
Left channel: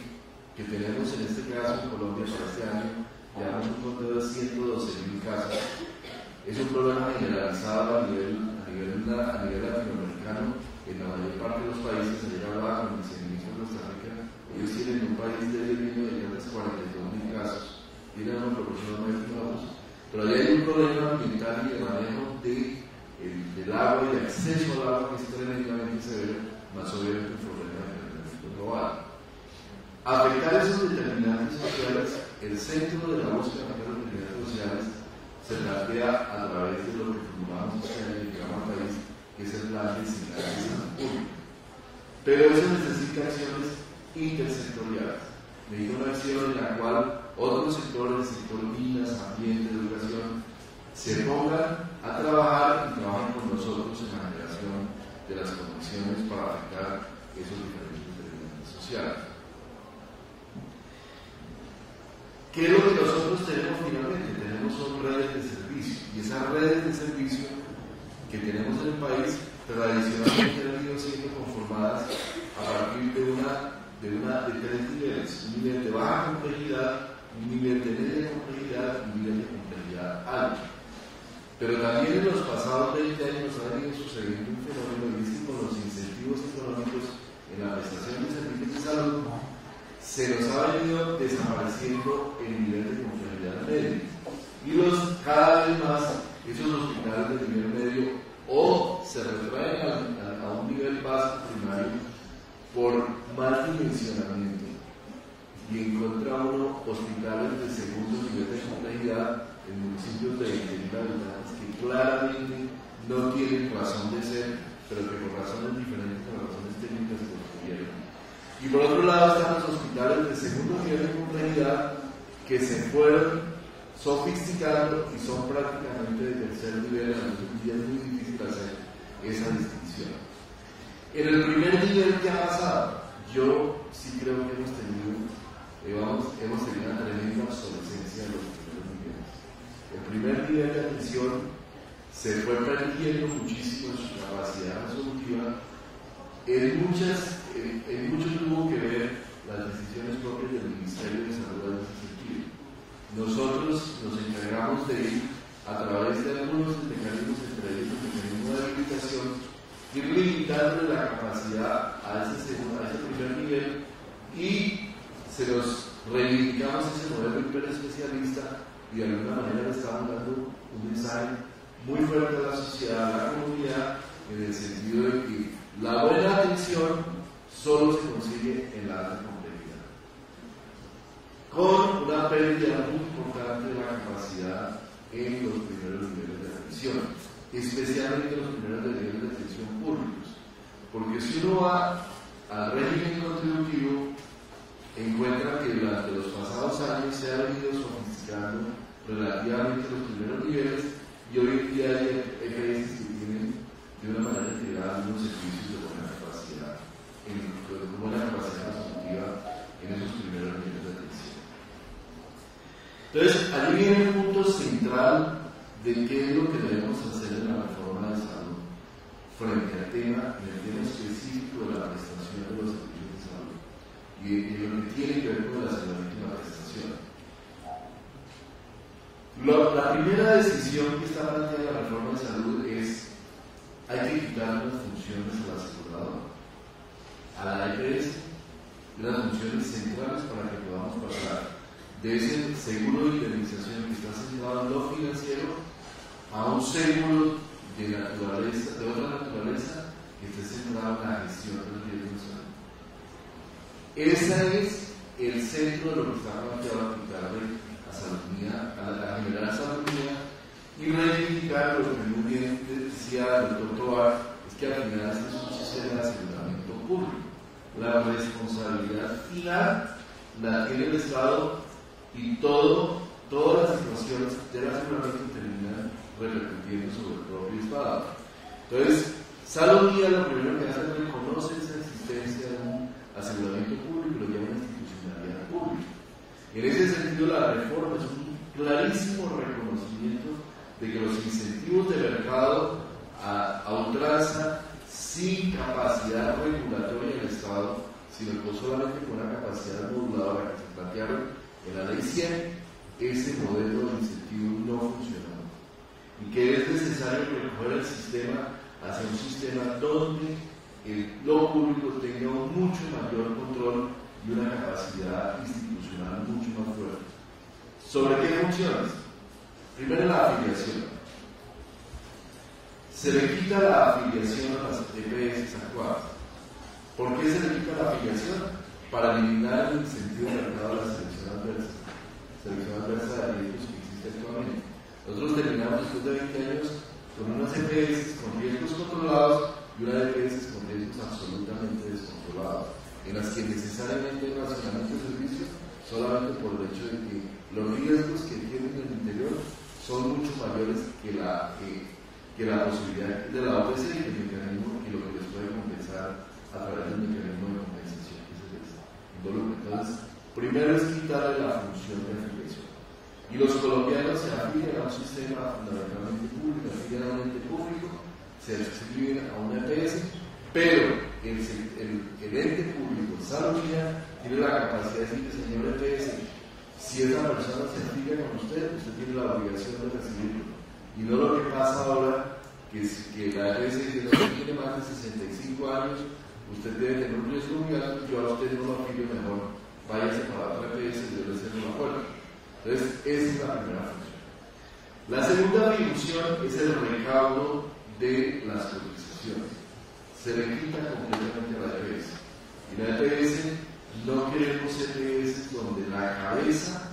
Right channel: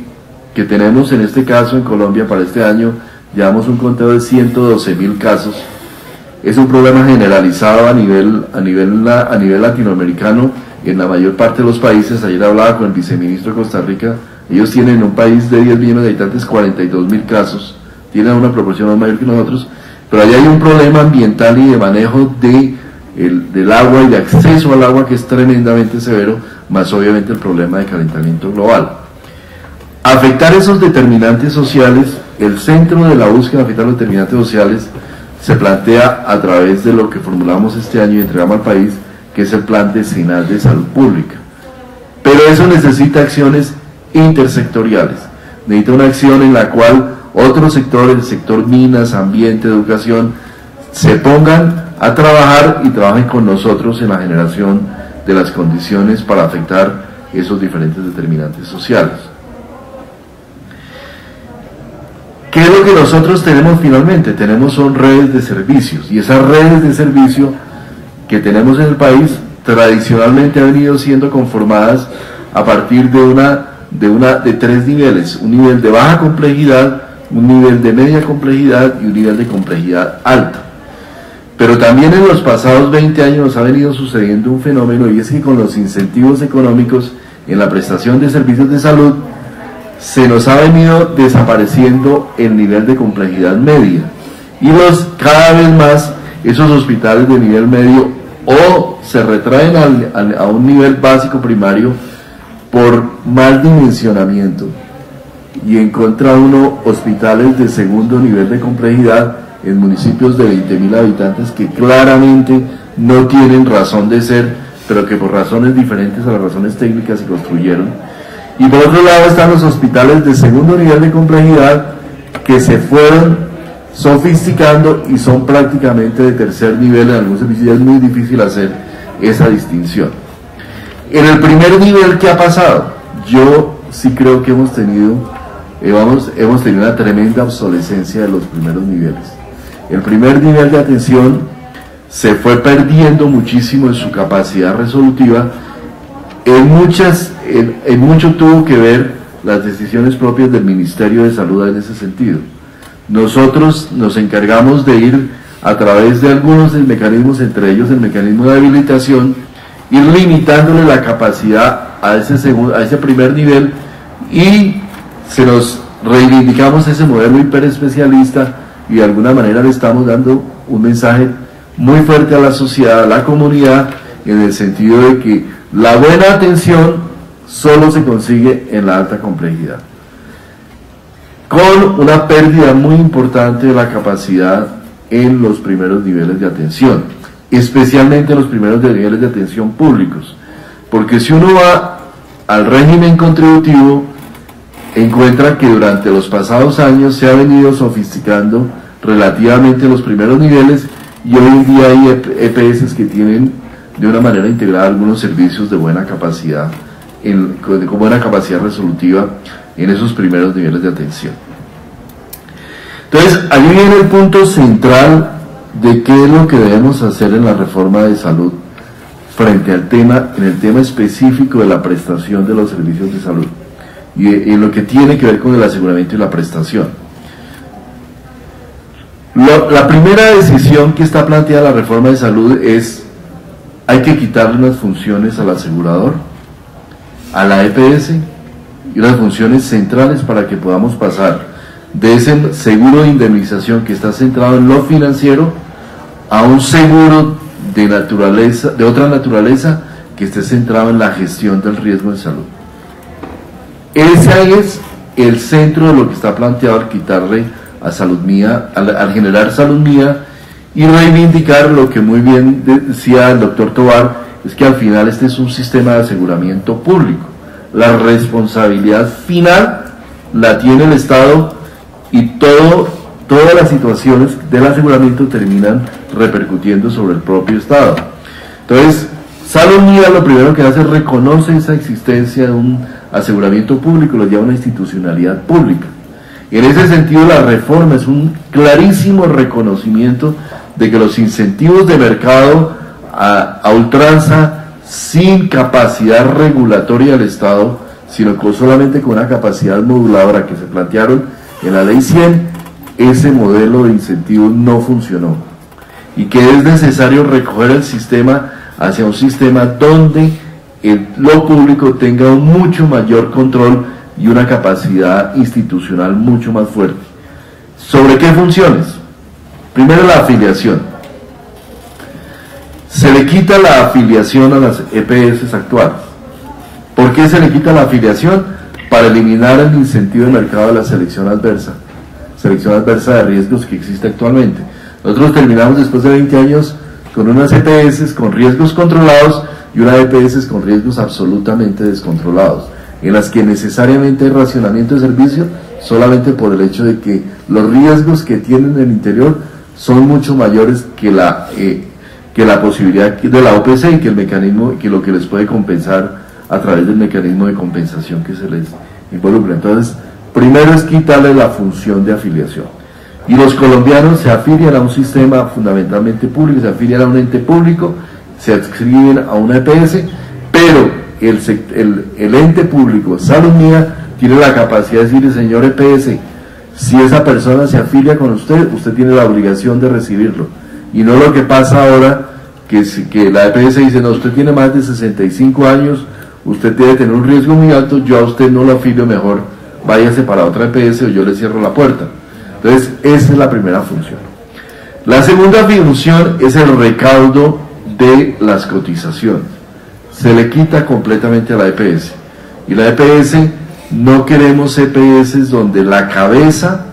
que tenemos en este caso en Colombia para este año, llevamos un conteo de 112.000 casos, es un problema generalizado a nivel latinoamericano en la mayor parte de los países. Ayer hablaba con el viceministro de Costa Rica, ellos tienen en un país de 10 millones de habitantes 42.000 casos, tienen una proporción más mayor que nosotros, pero allá hay un problema ambiental y de manejo del agua y de acceso al agua que es tremendamente severo, más obviamente el problema de calentamiento global. Afectar esos determinantes sociales, el centro de la búsqueda de afectar los determinantes sociales se plantea a través de lo que formulamos este año y entregamos al país, que es el Plan Decenal de Salud Pública. Pero eso necesita acciones intersectoriales, necesita una acción en la cual otros sectores, el sector minas, ambiente, educación, se pongan a trabajar y trabajen con nosotros en la generación de las condiciones para afectar esos diferentes determinantes sociales. ¿Qué es lo que nosotros tenemos finalmente? Son redes de servicios, y esas redes de servicio que tenemos en el país tradicionalmente han venido siendo conformadas a partir de tres niveles: un nivel de baja complejidad, un nivel de media complejidad y un nivel de complejidad alta. Pero también en los pasados 20 años nos ha venido sucediendo un fenómeno, y es que con los incentivos económicos en la prestación de servicios de salud se nos ha venido desapareciendo el nivel de complejidad media, y cada vez más esos hospitales de nivel medio o se retraen a un nivel básico primario por mal dimensionamiento, y encuentra uno hospitales de segundo nivel de complejidad en municipios de 20.000 habitantes que claramente no tienen razón de ser, pero que por razones diferentes a las razones técnicas se construyeron. Y por otro lado están los hospitales de segundo nivel de complejidad que se fueron sofisticando y son prácticamente de tercer nivel. En algunos servicios ya es muy difícil hacer esa distinción. En el primer nivel, ¿qué ha pasado? Yo sí creo que hemos tenido una tremenda obsolescencia de los primeros niveles. El primer nivel de atención se fue perdiendo muchísimo en su capacidad resolutiva. En mucho tuvo que ver las decisiones propias del Ministerio de Salud en ese sentido. Nosotros nos encargamos de ir a través de algunos mecanismos, entre ellos el mecanismo de habilitación, ir limitándole la capacidad a ese primer nivel, y reivindicamos ese modelo hiperespecialista, y de alguna manera le estamos dando un mensaje muy fuerte a la sociedad, a la comunidad, en el sentido de que la buena atención solo se consigue en la alta complejidad, con una pérdida muy importante de la capacidad en los primeros niveles de atención, especialmente en los primeros niveles de atención públicos, porque si uno va al régimen contributivo, encuentra que durante los pasados años se ha venido sofisticando relativamente los primeros niveles, y hoy en día hay EPS que tienen de una manera integrada algunos servicios de buena capacidad, con buena capacidad resolutiva en esos primeros niveles de atención. Entonces, allí viene el punto central de qué es lo que debemos hacer en la reforma de salud frente al tema, en el tema específico de la prestación de los servicios de salud y en lo que tiene que ver con el aseguramiento y la prestación. La primera decisión que está planteada en la reforma de salud es: hay que quitarle unas funciones al asegurador, a la EPS, y unas funciones centrales para que podamos pasar de ese seguro de indemnización que está centrado en lo financiero a un seguro de naturaleza, de otra naturaleza, que esté centrado en la gestión del riesgo en salud. Ese es el centro de lo que está planteado al quitarle a Salud Mía, al generar Salud Mía, y reivindicar lo que muy bien decía el doctor Tovar, es que al final este es un sistema de aseguramiento público. La responsabilidad final la tiene el Estado y todas las situaciones del aseguramiento terminan repercutiendo sobre el propio Estado. Entonces, Salud Mía lo primero que hace es reconoce esa existencia de un aseguramiento público, lo llama una institucionalidad pública. En ese sentido, la reforma es un clarísimo reconocimiento de que los incentivos de mercado a ultranza, sin capacidad regulatoria del Estado, sino solamente con una capacidad moduladora que se plantearon en la Ley 100, ese modelo de incentivos no funcionó. Y que es necesario recoger el sistema hacia un sistema donde lo público tenga un mucho mayor control y una capacidad institucional mucho más fuerte. ¿Sobre qué funciones? Primero, la afiliación. Se le quita la afiliación a las EPS actuales. ¿Por qué se le quita la afiliación? Para eliminar el incentivo de mercado de la selección adversa de riesgos que existe actualmente. Nosotros terminamos después de 20 años con unas EPS con riesgos controlados y unas EPS con riesgos absolutamente descontrolados, en las que necesariamente hay racionamiento de servicio solamente por el hecho de que los riesgos que tienen en el interior son mucho mayores que la posibilidad de la OPC y que el mecanismo, que lo que les puede compensar a través del mecanismo de compensación que se les involucra. Entonces, primero es quitarle la función de afiliación. Y los colombianos se afilian a un sistema fundamentalmente público, se afilian a un ente público, se adscriben a una EPS, pero el ente público, Salud Mía, tiene la capacidad de decirle, señor EPS, si esa persona se afilia con usted, usted tiene la obligación de recibirlo. Y no lo que pasa ahora, que la EPS dice, no, usted tiene más de 65 años, usted debe tener un riesgo muy alto, yo a usted no lo afilio, mejor váyase para otra EPS o yo le cierro la puerta. Entonces, esa es la primera función. La segunda función es el recaudo de las cotizaciones. Se le quita completamente a la EPS. Y la EPS, no queremos EPS donde la cabeza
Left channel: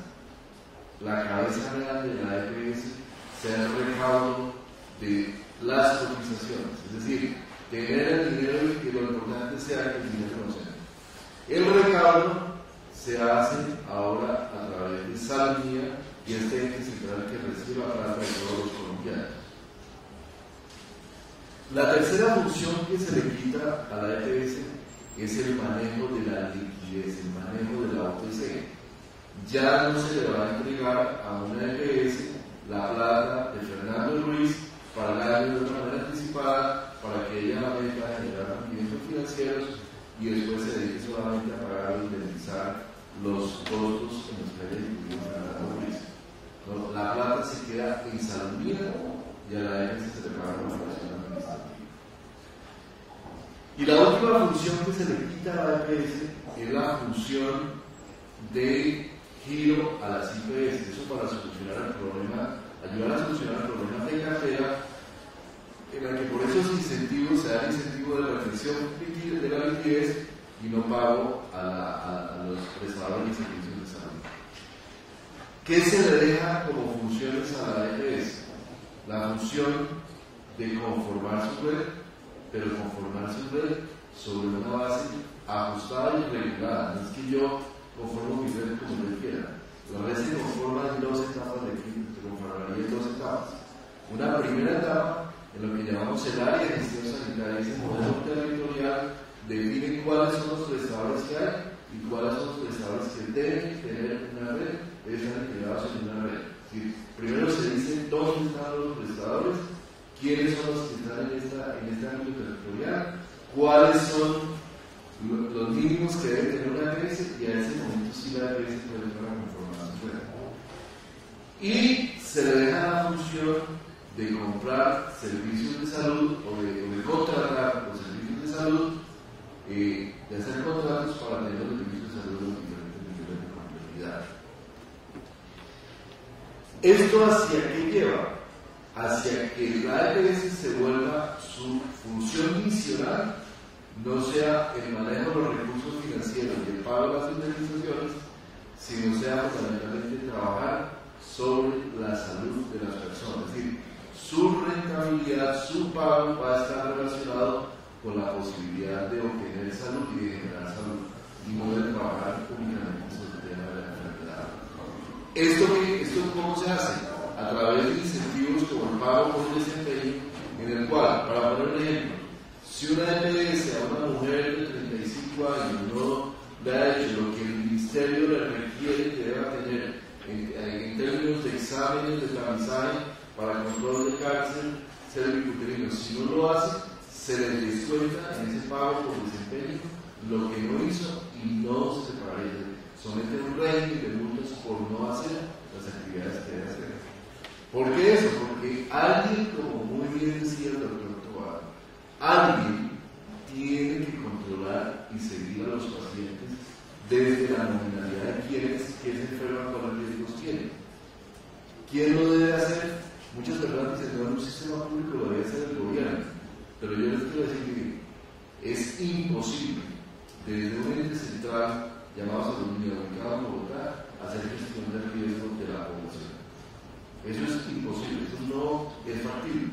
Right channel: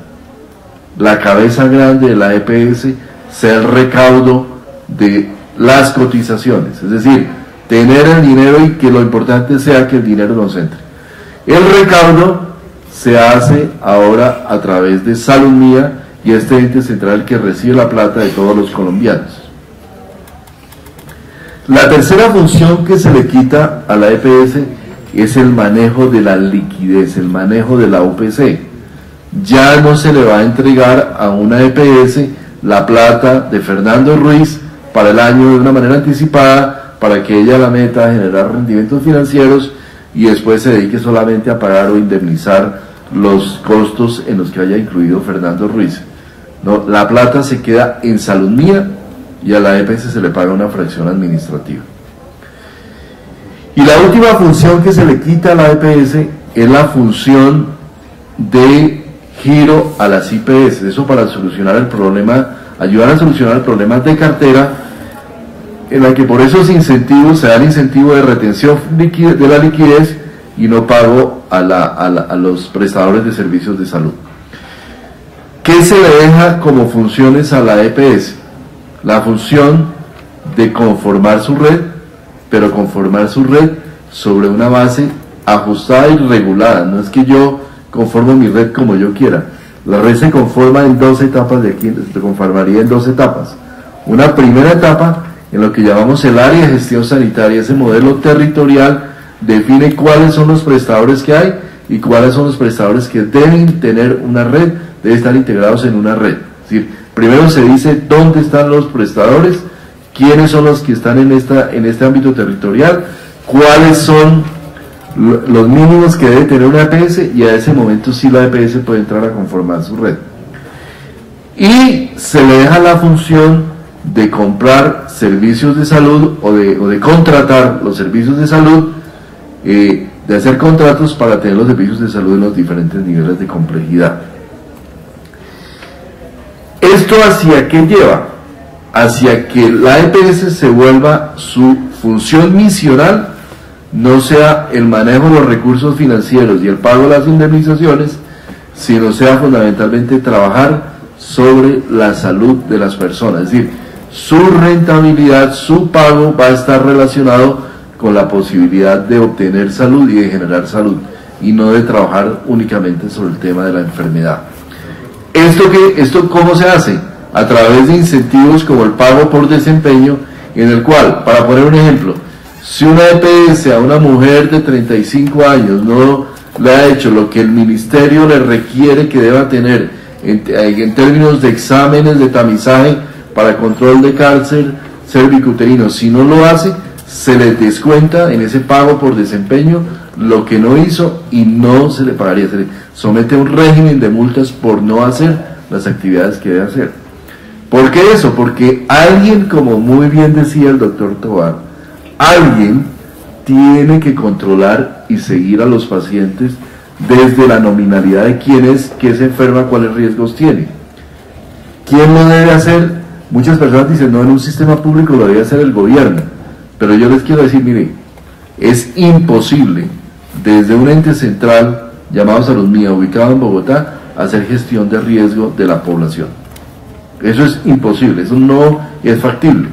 grande de la EPS sea el recaudo de las cotizaciones. Es decir, tener el dinero y que lo importante sea que el dinero nos entre. El recaudo se hace ahora a través de Salud Mía y este ente central que recibe la plata de todos los colombianos. La tercera función que se le quita a la EPS es el manejo de la liquidez, el manejo de la UPC. Ya no se le va a entregar a una EPS la plata de Fernando Ruiz para el año de una manera anticipada para que ella la meta a generar rendimientos financieros y después se dedique solamente a pagar o indemnizar los costos en los que haya incluido Fernando Ruiz. No, la plata se queda en Salud Mía y a la EPS se le paga una fracción administrativa. Y la última función que se le quita a la EPS es la función de giro a las IPS, eso para solucionar el problema, ayudar a solucionar el problema de cartera, en la que por esos incentivos se da el incentivo de retención de la liquidez y no pago a los prestadores de servicios de salud. ¿Qué se le deja como funciones a la EPS? La función de conformar su red, pero conformar su red sobre una base ajustada y regulada. No es que yo conformo mi red como yo quiera. La red se conforma en 2 etapas, de aquí se conformaría en 2 etapas. Una primera etapa en lo que llamamos el área de gestión sanitaria, ese modelo territorial define cuáles son los prestadores que hay y cuáles son los prestadores que deben tener una red, deben estar integrados en una red. Es decir, primero se dice dónde están los prestadores, quiénes son los que están en este ámbito territorial, cuáles son los mínimos que debe tener una EPS y a ese momento sí la EPS puede entrar a conformar su red. Y se le deja la función de comprar servicios de salud o de contratar los servicios de salud, de hacer contratos para tener los servicios de salud en los diferentes niveles de complejidad. ¿Esto hacia qué lleva? Hacia que la EPS se vuelva su función misional, no sea el manejo de los recursos financieros y el pago de las indemnizaciones, sino sea fundamentalmente trabajar sobre la salud de las personas. Es decir, su rentabilidad, su pago va a estar relacionado con la posibilidad de obtener salud y de generar salud, y no de trabajar únicamente sobre el tema de la enfermedad. ¿Esto cómo se hace? A través de incentivos como el pago por desempeño, en el cual, para poner un ejemplo, si una EPS a una mujer de 35 años no le ha hecho lo que el ministerio le requiere que deba tener en términos de exámenes de tamizaje para control de cáncer cervicuterino, si no lo hace, se le descuenta en ese pago por desempeño lo que no hizo y no se le pagaría, se le somete a un régimen de multas por no hacer las actividades que debe hacer. ¿Por qué eso? Porque alguien, como muy bien decía el doctor Tovar, alguien tiene que controlar y seguir a los pacientes desde la nominalidad de quién es, qué se enferma, cuáles riesgos tiene. ¿Quién lo debe hacer? Muchas personas dicen, no, en un sistema público lo debe hacer el gobierno, pero yo les quiero decir, mire, es imposible desde un ente central llamado Salud Mía, ubicado en Bogotá, hacer gestión de riesgo de la población. Eso es imposible, eso no es factible.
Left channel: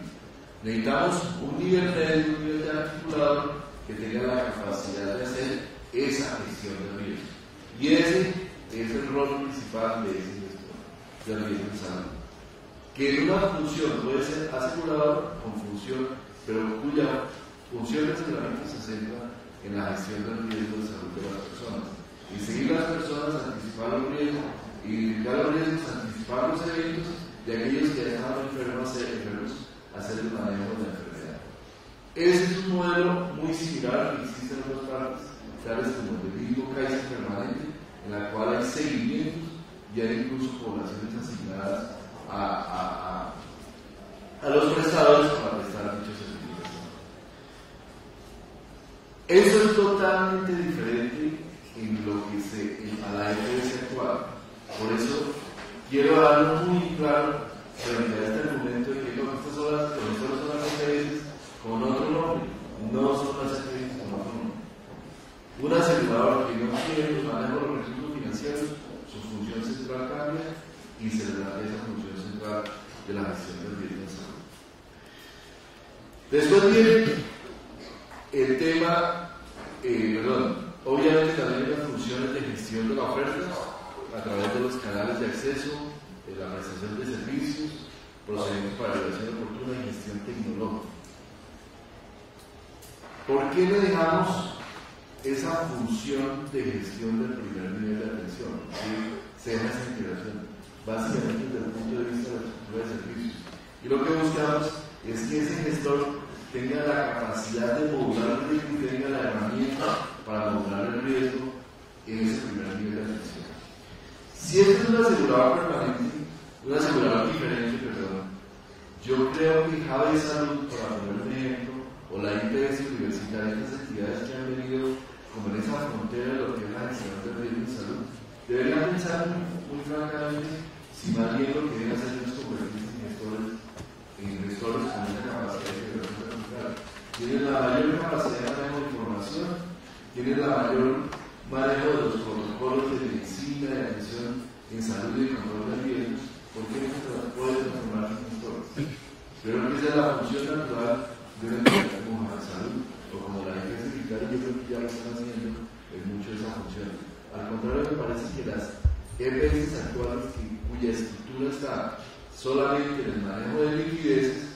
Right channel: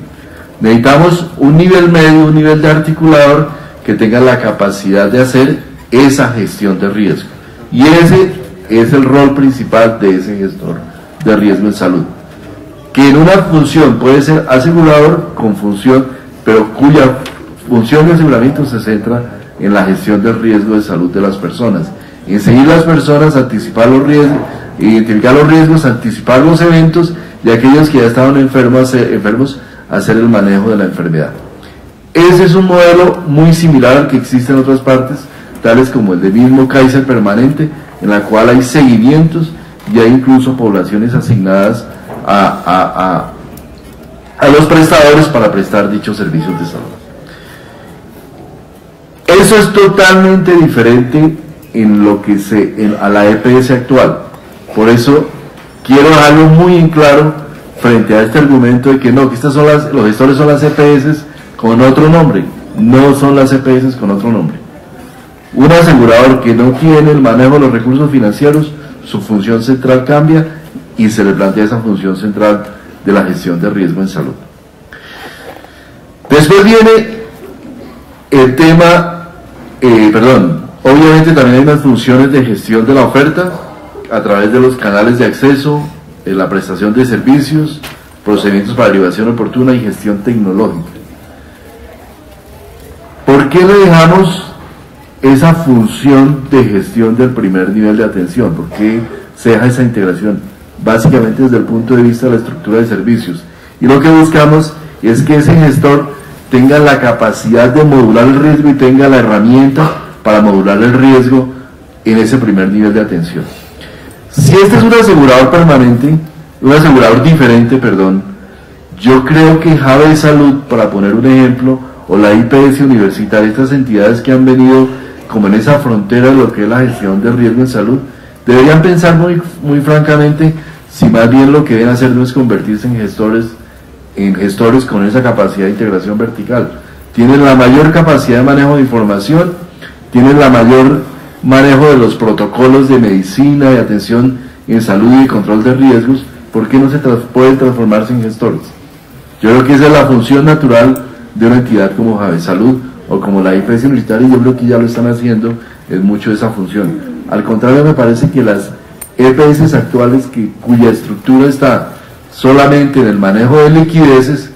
Necesitamos un nivel medio, un nivel de articulador que tenga la capacidad de hacer esa gestión de riesgo. Y ese es el rol principal de ese gestor de riesgo en salud. Que en una función puede ser asegurador con función, pero cuya función de aseguramiento se centra en la gestión del riesgo de salud de las personas. En seguir las personas, anticipar los riesgos, identificar los riesgos, anticipar los eventos y aquellos que ya estaban enfermos, hacer el manejo de la enfermedad. Ese es un modelo muy similar al que existe en otras partes, tales como el del mismo Kaiser permanente, en la cual hay seguimientos y hay incluso poblaciones asignadas a los prestadores para prestar dichos servicios de salud. Eso es totalmente diferente en lo que a la EPS actual. Por eso quiero dejarlo muy en claro frente a este argumento de que no, que los gestores son las EPS con otro nombre. No son las EPS con otro nombre. Un asegurador que no tiene el manejo de los recursos financieros, su función central cambia y se le plantea esa función central de la gestión de riesgo en salud. Después viene el tema, obviamente también hay unas funciones de gestión de la oferta a través de los canales de acceso, la prestación de servicios, procedimientos para derivación oportuna y gestión tecnológica. ¿Por qué le dejamos esa función de gestión del primer nivel de atención? ¿Por qué se deja esa integración? Básicamente desde el punto de vista de la estructura de servicios. Y lo que buscamos es que ese gestor tenga la capacidad de modular el riesgo y tenga la herramienta para modular el riesgo en ese primer nivel de atención. Si este es un asegurador permanente, un asegurador diferente, yo creo que Jave Salud, para poner un ejemplo, o la IPS universitaria, estas entidades que han venido como en esa frontera de lo que es la gestión de riesgo en salud, deberían pensar muy francamente si más bien lo que deben hacer no es convertirse en gestores con esa capacidad de integración vertical. Tienen la mayor capacidad de manejo de información, tienen la mayor manejo de los protocolos de medicina, de atención en salud y de control de riesgos. ¿Por qué no pueden transformarse en gestores? Yo creo que esa es la función natural de una entidad como Jave Salud o como la IPS universitaria, y yo creo que ya lo están haciendo en mucho de esa función. Al contrario, me parece que las EPS actuales, cuya estructura está solamente en el manejo de liquideces,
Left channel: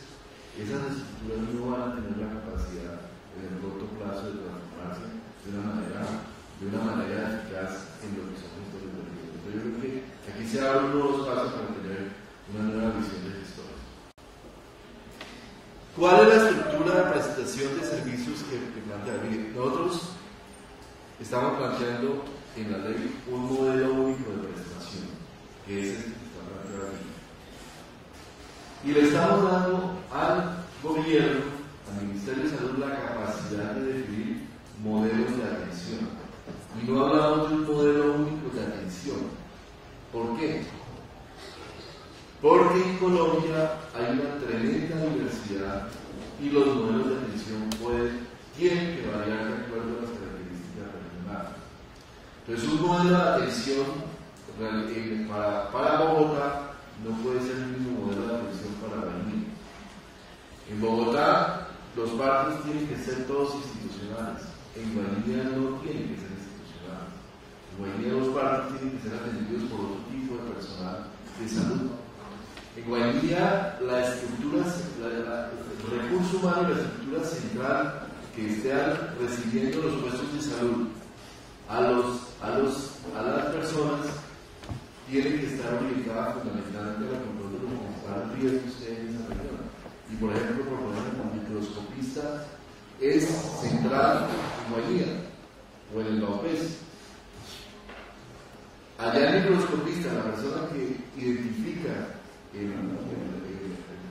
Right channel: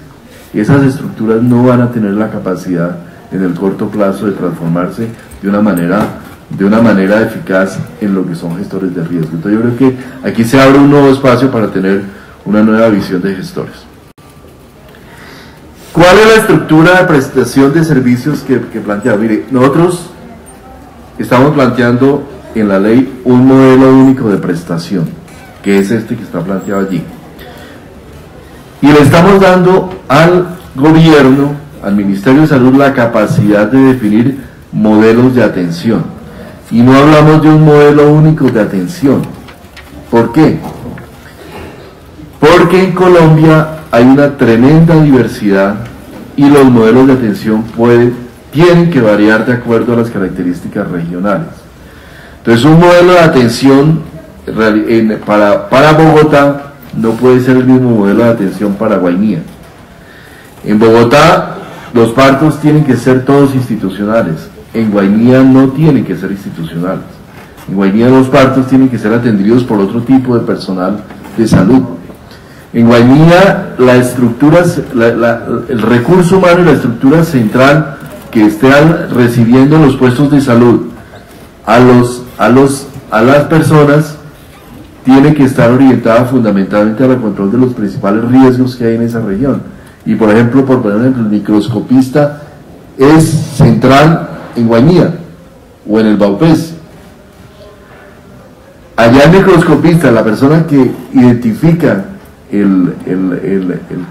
esas estructuras no van a tener la capacidad en el corto plazo de transformarse de una manera eficaz en lo que son gestores de riesgo. Entonces yo creo que aquí se abre un nuevo espacio para tener una nueva visión de gestores. ¿Cuál es la estructura de prestación de servicios que plantea? Mire, nosotros estamos planteando en la ley un modelo único de prestación, que es este que está planteado allí. Y le estamos dando al gobierno, al Ministerio de Salud, la capacidad de definir modelos de atención. Y no hablamos de un modelo único de atención. ¿Por qué? porque en Colombia hay una tremenda diversidad y los modelos de atención tienen que variar de acuerdo a las características regionales. Entonces, un modelo de atención para Bogotá no puede ser el mismo modelo de atención para Guainía. En Bogotá los partos tienen que ser todos institucionales, en Guainía no tienen que ser institucionales. En Guainía los partos tienen que ser atendidos por otro tipo de personal de salud. En Guainía el recurso humano y la estructura central que estén recibiendo los puestos de salud a las personas tiene que estar orientada fundamentalmente al control de los principales riesgos que hay en esa región. Y por ejemplo, el microscopista es central en Guainía o en el Baupés. Allá el microscopista, la persona que identifica el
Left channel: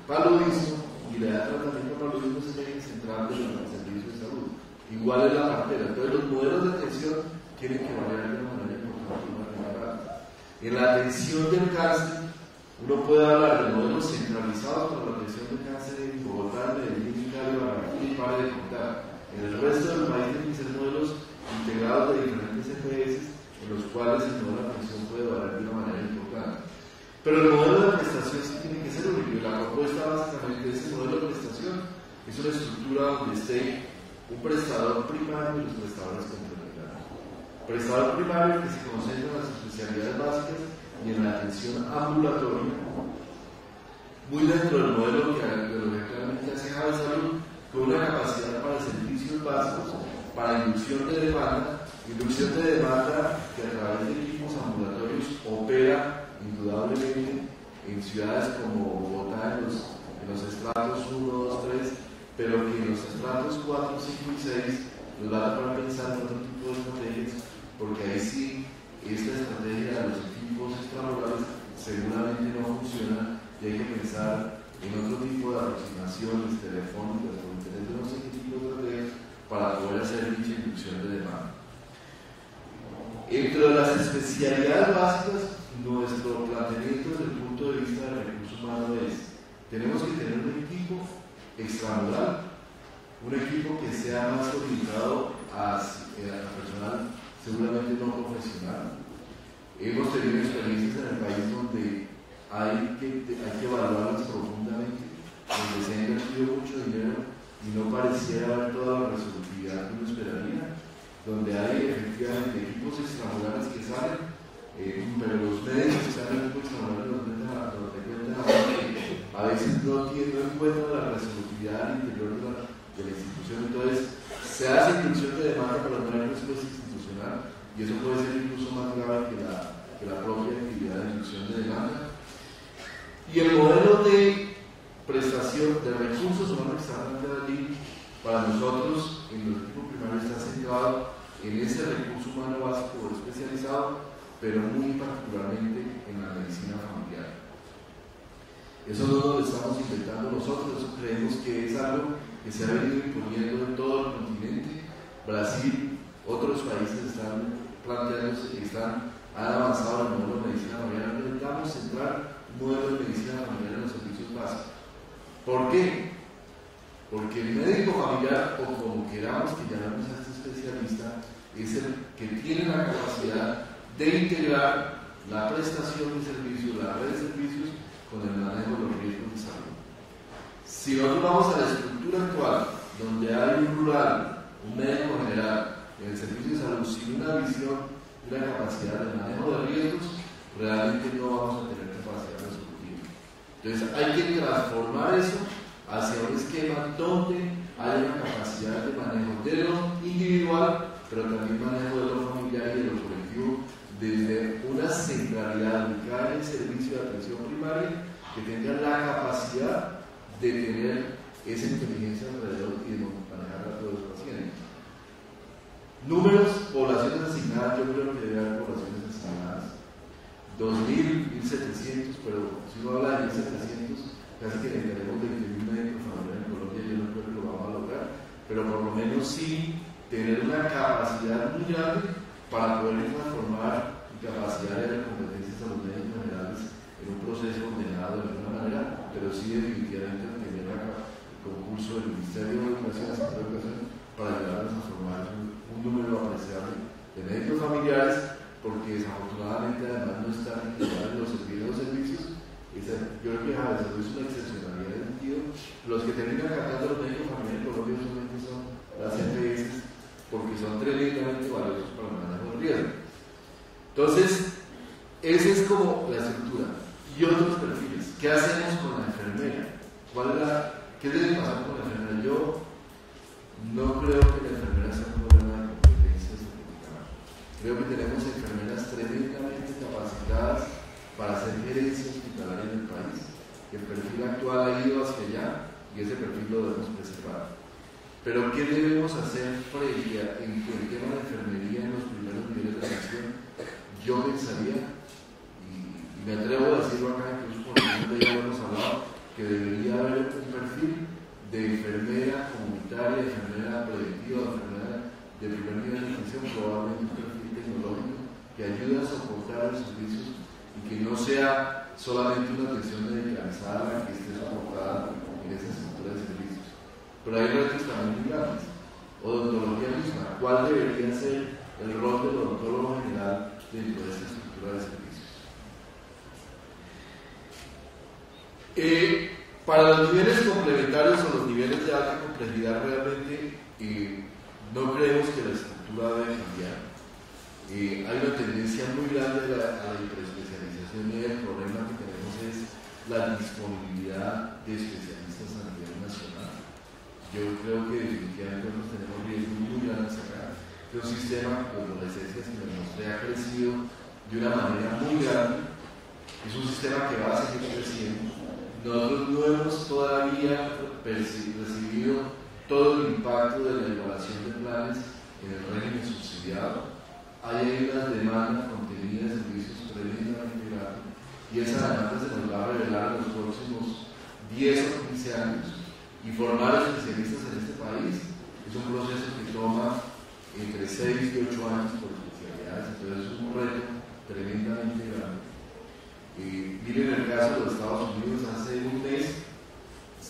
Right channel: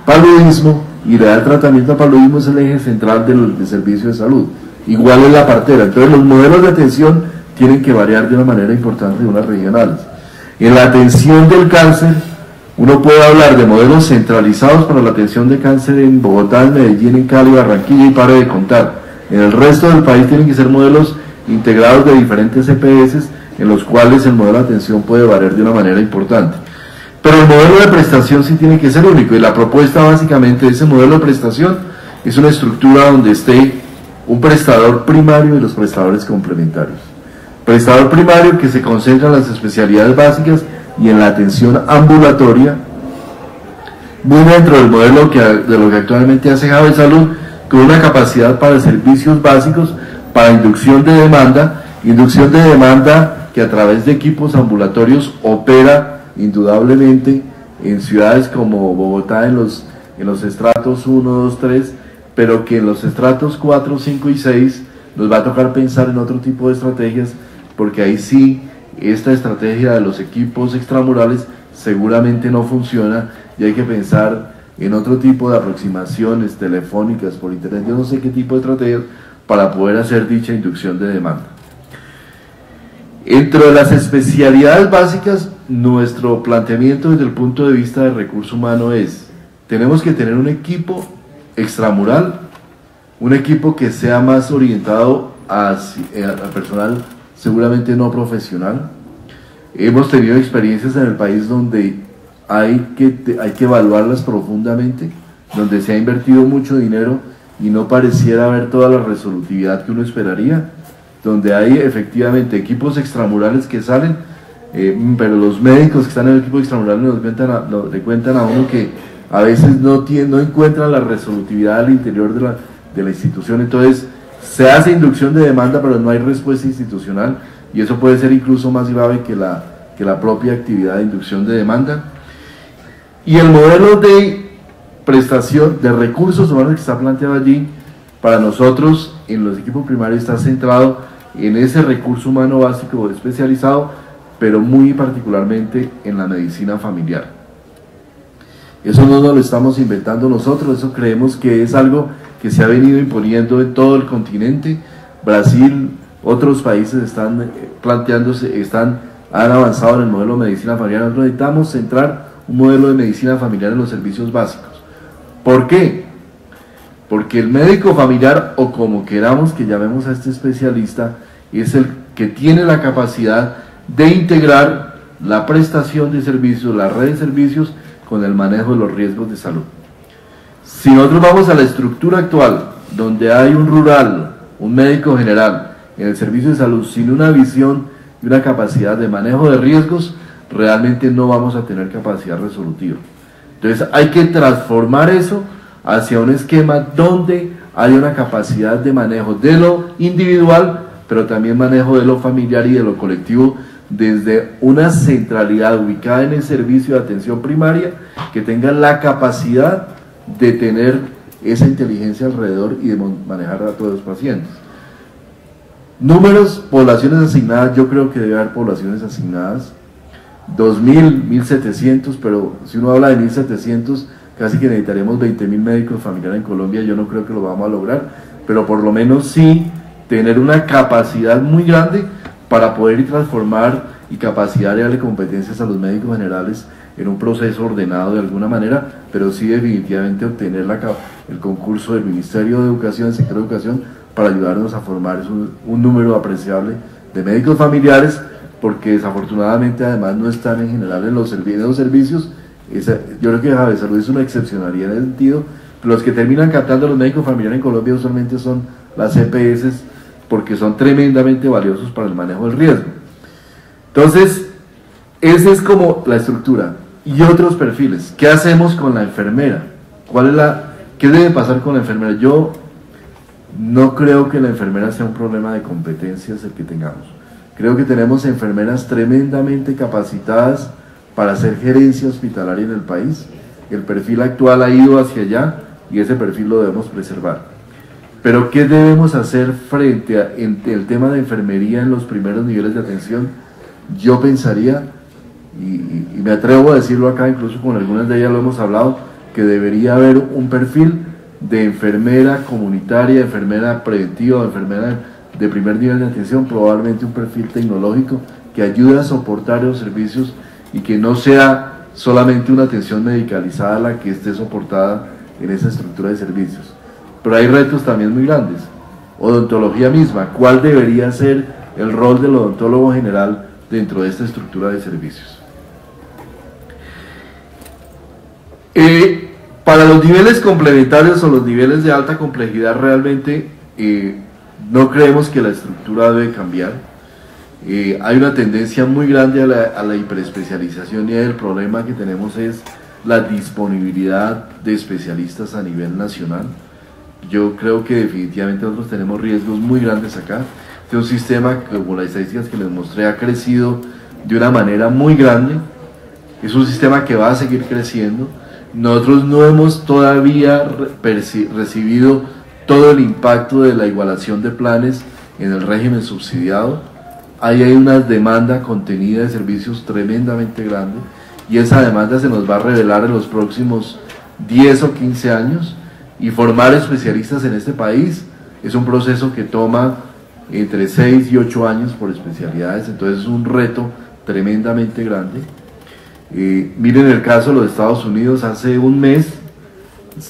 paludismo y le da tratamiento al paludismo, es el eje central del servicio de salud. Igual es la partera. Entonces los modelos de atención tienen que variar de una manera importante de unas regionales. En la atención del cáncer, uno puede hablar de modelos centralizados para la atención de cáncer en Bogotá, en Medellín, en Cali, Barranquilla y pare de contar. En el resto del país tienen que ser modelos integrados de diferentes EPS en los cuales el modelo de atención puede variar de una manera importante. Pero el modelo de prestación sí tiene que ser único, y la propuesta básicamente de ese modelo de prestación es una estructura donde esté un prestador primario y los prestadores complementarios. Prestador primario que se concentra en las especialidades básicas y en la atención ambulatoria, muy dentro del modelo de lo que actualmente hace Jave Salud, con una capacidad para servicios básicos, para inducción de demanda que a través de equipos ambulatorios opera indudablemente en ciudades como Bogotá en los estratos 1, 2, 3, pero que en los estratos 4, 5 y 6 nos va a tocar pensar en otro tipo de estrategias, porque ahí sí esta estrategia de los equipos extramurales seguramente no funciona y hay que pensar en otro tipo de aproximaciones telefónicas, por internet, yo no sé qué tipo de estrategias para poder hacer dicha inducción de demanda. Entre las especialidades básicas, nuestro planteamiento desde el punto de vista del recurso humano es: tenemos que tener un equipo extramural, un equipo que sea más orientado al personal seguramente no profesional. Hemos tenido experiencias en el país donde hay que evaluarlas profundamente, donde se ha invertido mucho dinero y no pareciera haber toda la resolutividad que uno esperaría, donde hay efectivamente equipos extramurales que salen, pero los médicos que están en el equipo extramural le cuentan a uno que a veces no encuentran la resolutividad al interior de la institución. Entonces se hace inducción de demanda, pero no hay respuesta institucional, y eso puede ser incluso más grave que la propia actividad de inducción de demanda. Y el modelo de prestación de recursos humanos que está planteado allí, para nosotros en los equipos primarios está centrado en ese recurso humano básico especializado, pero muy particularmente en la medicina familiar. Eso no nos lo estamos inventando nosotros, eso creemos que es algo que se ha venido imponiendo en todo el continente. Brasil, otros países están planteándose, han avanzado en el modelo de medicina familiar. Nosotros necesitamos centrar un modelo de medicina familiar en los servicios básicos. ¿Por qué? Porque el médico familiar, o como queramos que llamemos a este especialista, es el que tiene la capacidad de integrar la prestación de servicios, la red de servicios, con el manejo de los riesgos de salud. Si nosotros vamos a la estructura actual, donde hay un rural, un médico general en el servicio de salud, sin una visión y una capacidad de manejo de riesgos, realmente no vamos a tener capacidad resolutiva. Entonces hay que transformar eso hacia un esquema donde haya una capacidad de manejo de lo individual, pero también manejo de lo familiar y de lo colectivo, desde una centralidad ubicada en el servicio de atención primaria, que tenga la capacidad de tener esa inteligencia alrededor y de manejar a todos los pacientes. Números, poblaciones asignadas, yo creo que debe haber poblaciones asignadas, 2.000, 1.700, pero si uno habla de 1.700, casi que necesitaríamos 20.000 médicos familiares en Colombia. Yo no creo que lo vamos a lograr, pero por lo menos sí tener una capacidad muy grande para poder transformar y capacidad de darle competencias a los médicos generales en un proceso ordenado de alguna manera, pero sí definitivamente obtener el concurso del Ministerio de Educación, del sector de educación, para ayudarnos a formar un número apreciable de médicos familiares, porque desafortunadamente además no están en general en los servicios. Yo creo que Javier Salud es una excepcionalidad en el sentido, los que terminan captando a los médicos familiares en Colombia usualmente son las EPS, porque son tremendamente valiosos para el manejo del riesgo. Entonces, esa es como la estructura. Y otros perfiles. ¿Qué hacemos con la enfermera? ¿Qué debe pasar con la enfermera? Yo no creo que la enfermera sea un problema de competencias el que tengamos. Creo que tenemos enfermeras tremendamente capacitadas para hacer gerencia hospitalaria en el país. El perfil actual ha ido hacia allá y ese perfil lo debemos preservar. Pero ¿qué debemos hacer frente el tema de enfermería en los primeros niveles de atención? Yo pensaría, y me atrevo a decirlo acá, incluso con algunas de ellas lo hemos hablado, que debería haber un perfil de enfermera comunitaria, enfermera preventiva, enfermera de primer nivel de atención, probablemente un perfil tecnológico que ayude a soportar los servicios y que no sea solamente una atención medicalizada la que esté soportada en esa estructura de servicios. Pero hay retos también muy grandes. Odontología misma, ¿cuál debería ser el rol del odontólogo general dentro de esta estructura de servicios? Para los niveles complementarios o los niveles de alta complejidad realmente no creemos que la estructura debe cambiar. Hay una tendencia muy grande a la hiperespecialización, y el problema que tenemos es la disponibilidad de especialistas a nivel nacional. Yo creo que definitivamente nosotros tenemos riesgos muy grandes acá. Este es un sistema, como las estadísticas que les mostré, ha crecido de una manera muy grande. Es un sistema que va a seguir creciendo. Nosotros no hemos todavía recibido todo el impacto de la igualación de planes en el régimen subsidiado. Ahí hay una demanda contenida de servicios tremendamente grande, y esa demanda se nos va a revelar en los próximos 10 o 15 años, y formar especialistas en este país es un proceso que toma entre 6 y 8 años por especialidades, entonces es un reto tremendamente grande. Miren el caso de los Estados Unidos. Hace un mes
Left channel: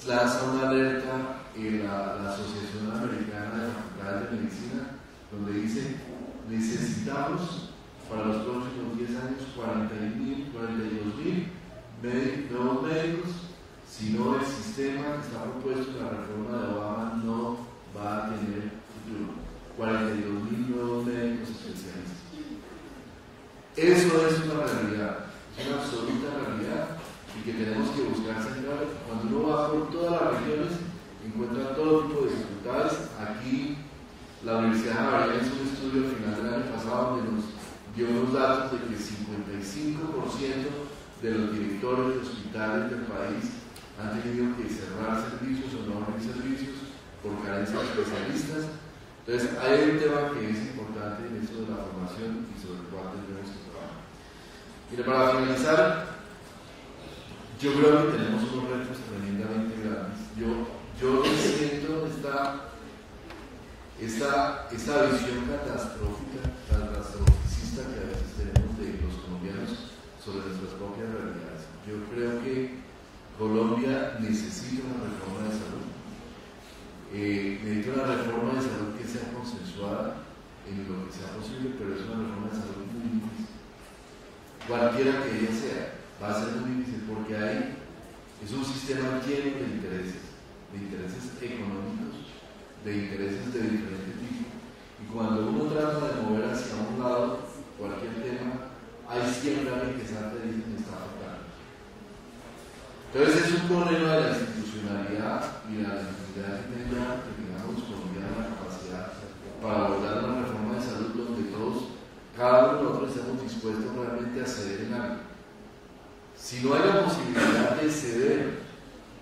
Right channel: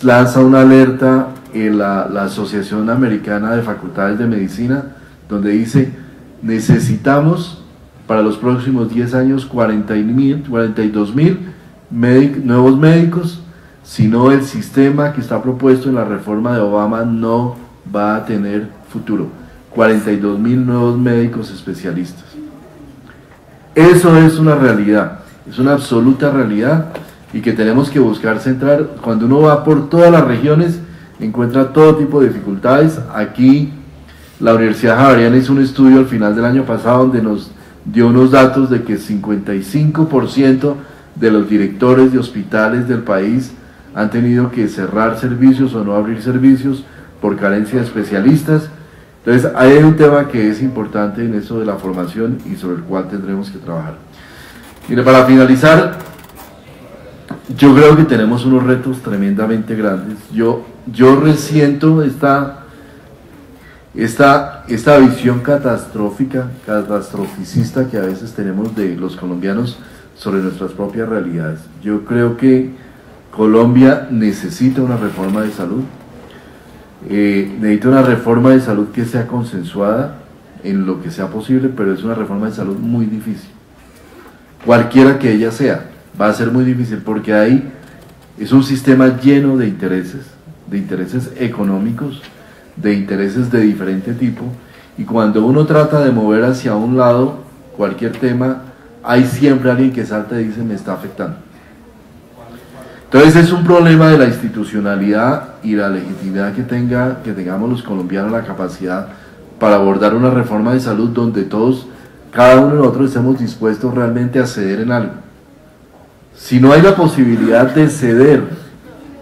lanza una alerta la Asociación Americana de Facultades de Medicina, donde dice: necesitamos para los próximos 10 años 42.000 nuevos médicos, si no el sistema que está propuesto en la reforma de Obama no va a tener futuro. 42.000 nuevos médicos especialistas. Eso es una realidad, es una absoluta realidad, y que tenemos que buscar centrar. Cuando uno va por todas las regiones encuentra todo tipo de dificultades. Aquí la Universidad Javeriana hizo un estudio al final del año pasado donde nos dio unos datos de que 55% de los directores de hospitales del país han tenido que cerrar servicios o no abrir servicios por carencia de especialistas. Entonces hay un tema que es importante en eso de la formación y sobre el cual tendremos que trabajar. Mire, para finalizar, yo creo que tenemos unos retos tremendamente grandes. Yo resiento esta visión catastroficista que a veces tenemos de los colombianos sobre nuestras propias realidades. Yo creo que Colombia necesita una reforma de salud, necesita una reforma de salud que sea consensuada en lo que sea posible, pero es una reforma de salud muy difícil. Cualquiera que ella sea, va a ser muy difícil, porque ahí es un sistema lleno de intereses económicos, de intereses de diferente tipo, y cuando uno trata de mover hacia un lado cualquier tema, hay siempre alguien que salta y dice: me está afectando. Entonces es un problema de la institucionalidad y la legitimidad que tengamos los colombianos, la capacidad para abordar una reforma de salud donde todos, cada uno de nosotros, estemos dispuestos realmente a ceder en algo. Si no hay la posibilidad de ceder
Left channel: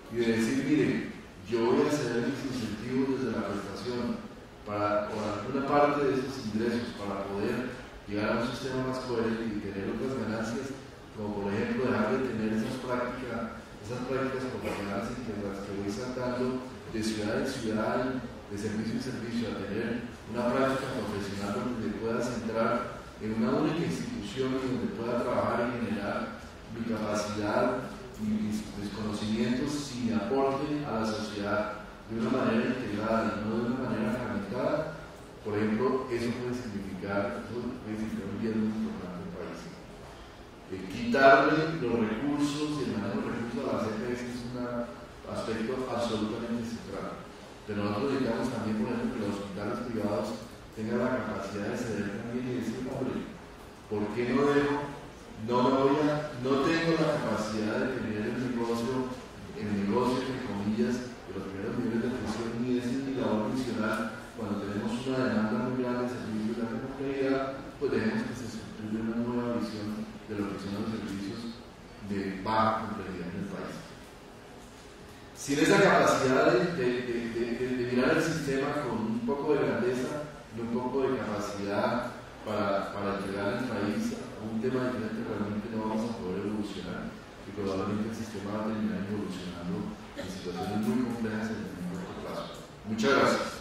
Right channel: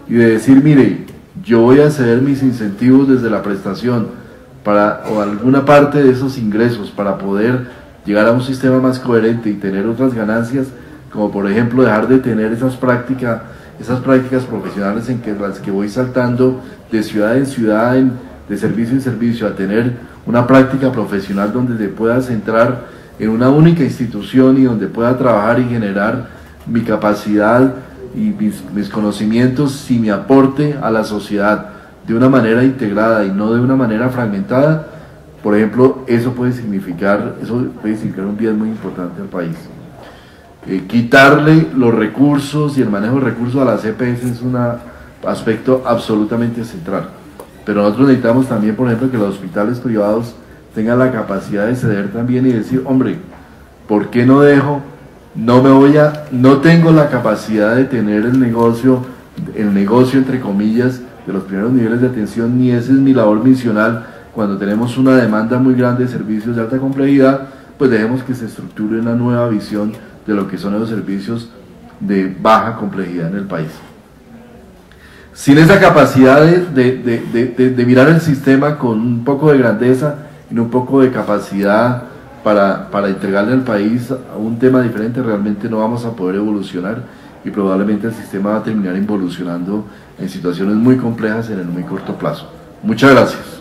y de decir: mire, yo voy a ceder mis incentivos desde la prestación o alguna parte de esos ingresos para poder llegar a un sistema más coherente y tener otras ganancias, como por ejemplo dejar de tener esas prácticas profesionales en las que voy saltando de ciudad en ciudad, de servicio en servicio, a tener una práctica profesional donde te puedas centrar en una única institución y donde pueda trabajar y generar mi capacidad y mis conocimientos y mi aporte a la sociedad de una manera integrada y no de una manera fragmentada, por ejemplo, eso puede significar un bien muy importante al país. Quitarle los recursos y el manejo de recursos a las EPS es un aspecto absolutamente central. Pero nosotros necesitamos también, por ejemplo, que los hospitales privados tengan la capacidad de ceder también y decir, hombre, ¿por qué no dejo? No tengo la capacidad de tener el negocio entre comillas de los primeros niveles de atención, ni esa es mi labor misional. Cuando tenemos una demanda muy grande de servicios de alta complejidad, pues dejemos que se estructure una nueva visión de lo que son los servicios de baja complejidad en el país. Sin esa capacidad de mirar el sistema con un poco de grandeza y un poco de capacidad para entregarle al país a un tema diferente, realmente no vamos a poder evolucionar y probablemente el sistema va a terminar involucionando en situaciones muy complejas en el muy corto plazo. Muchas gracias.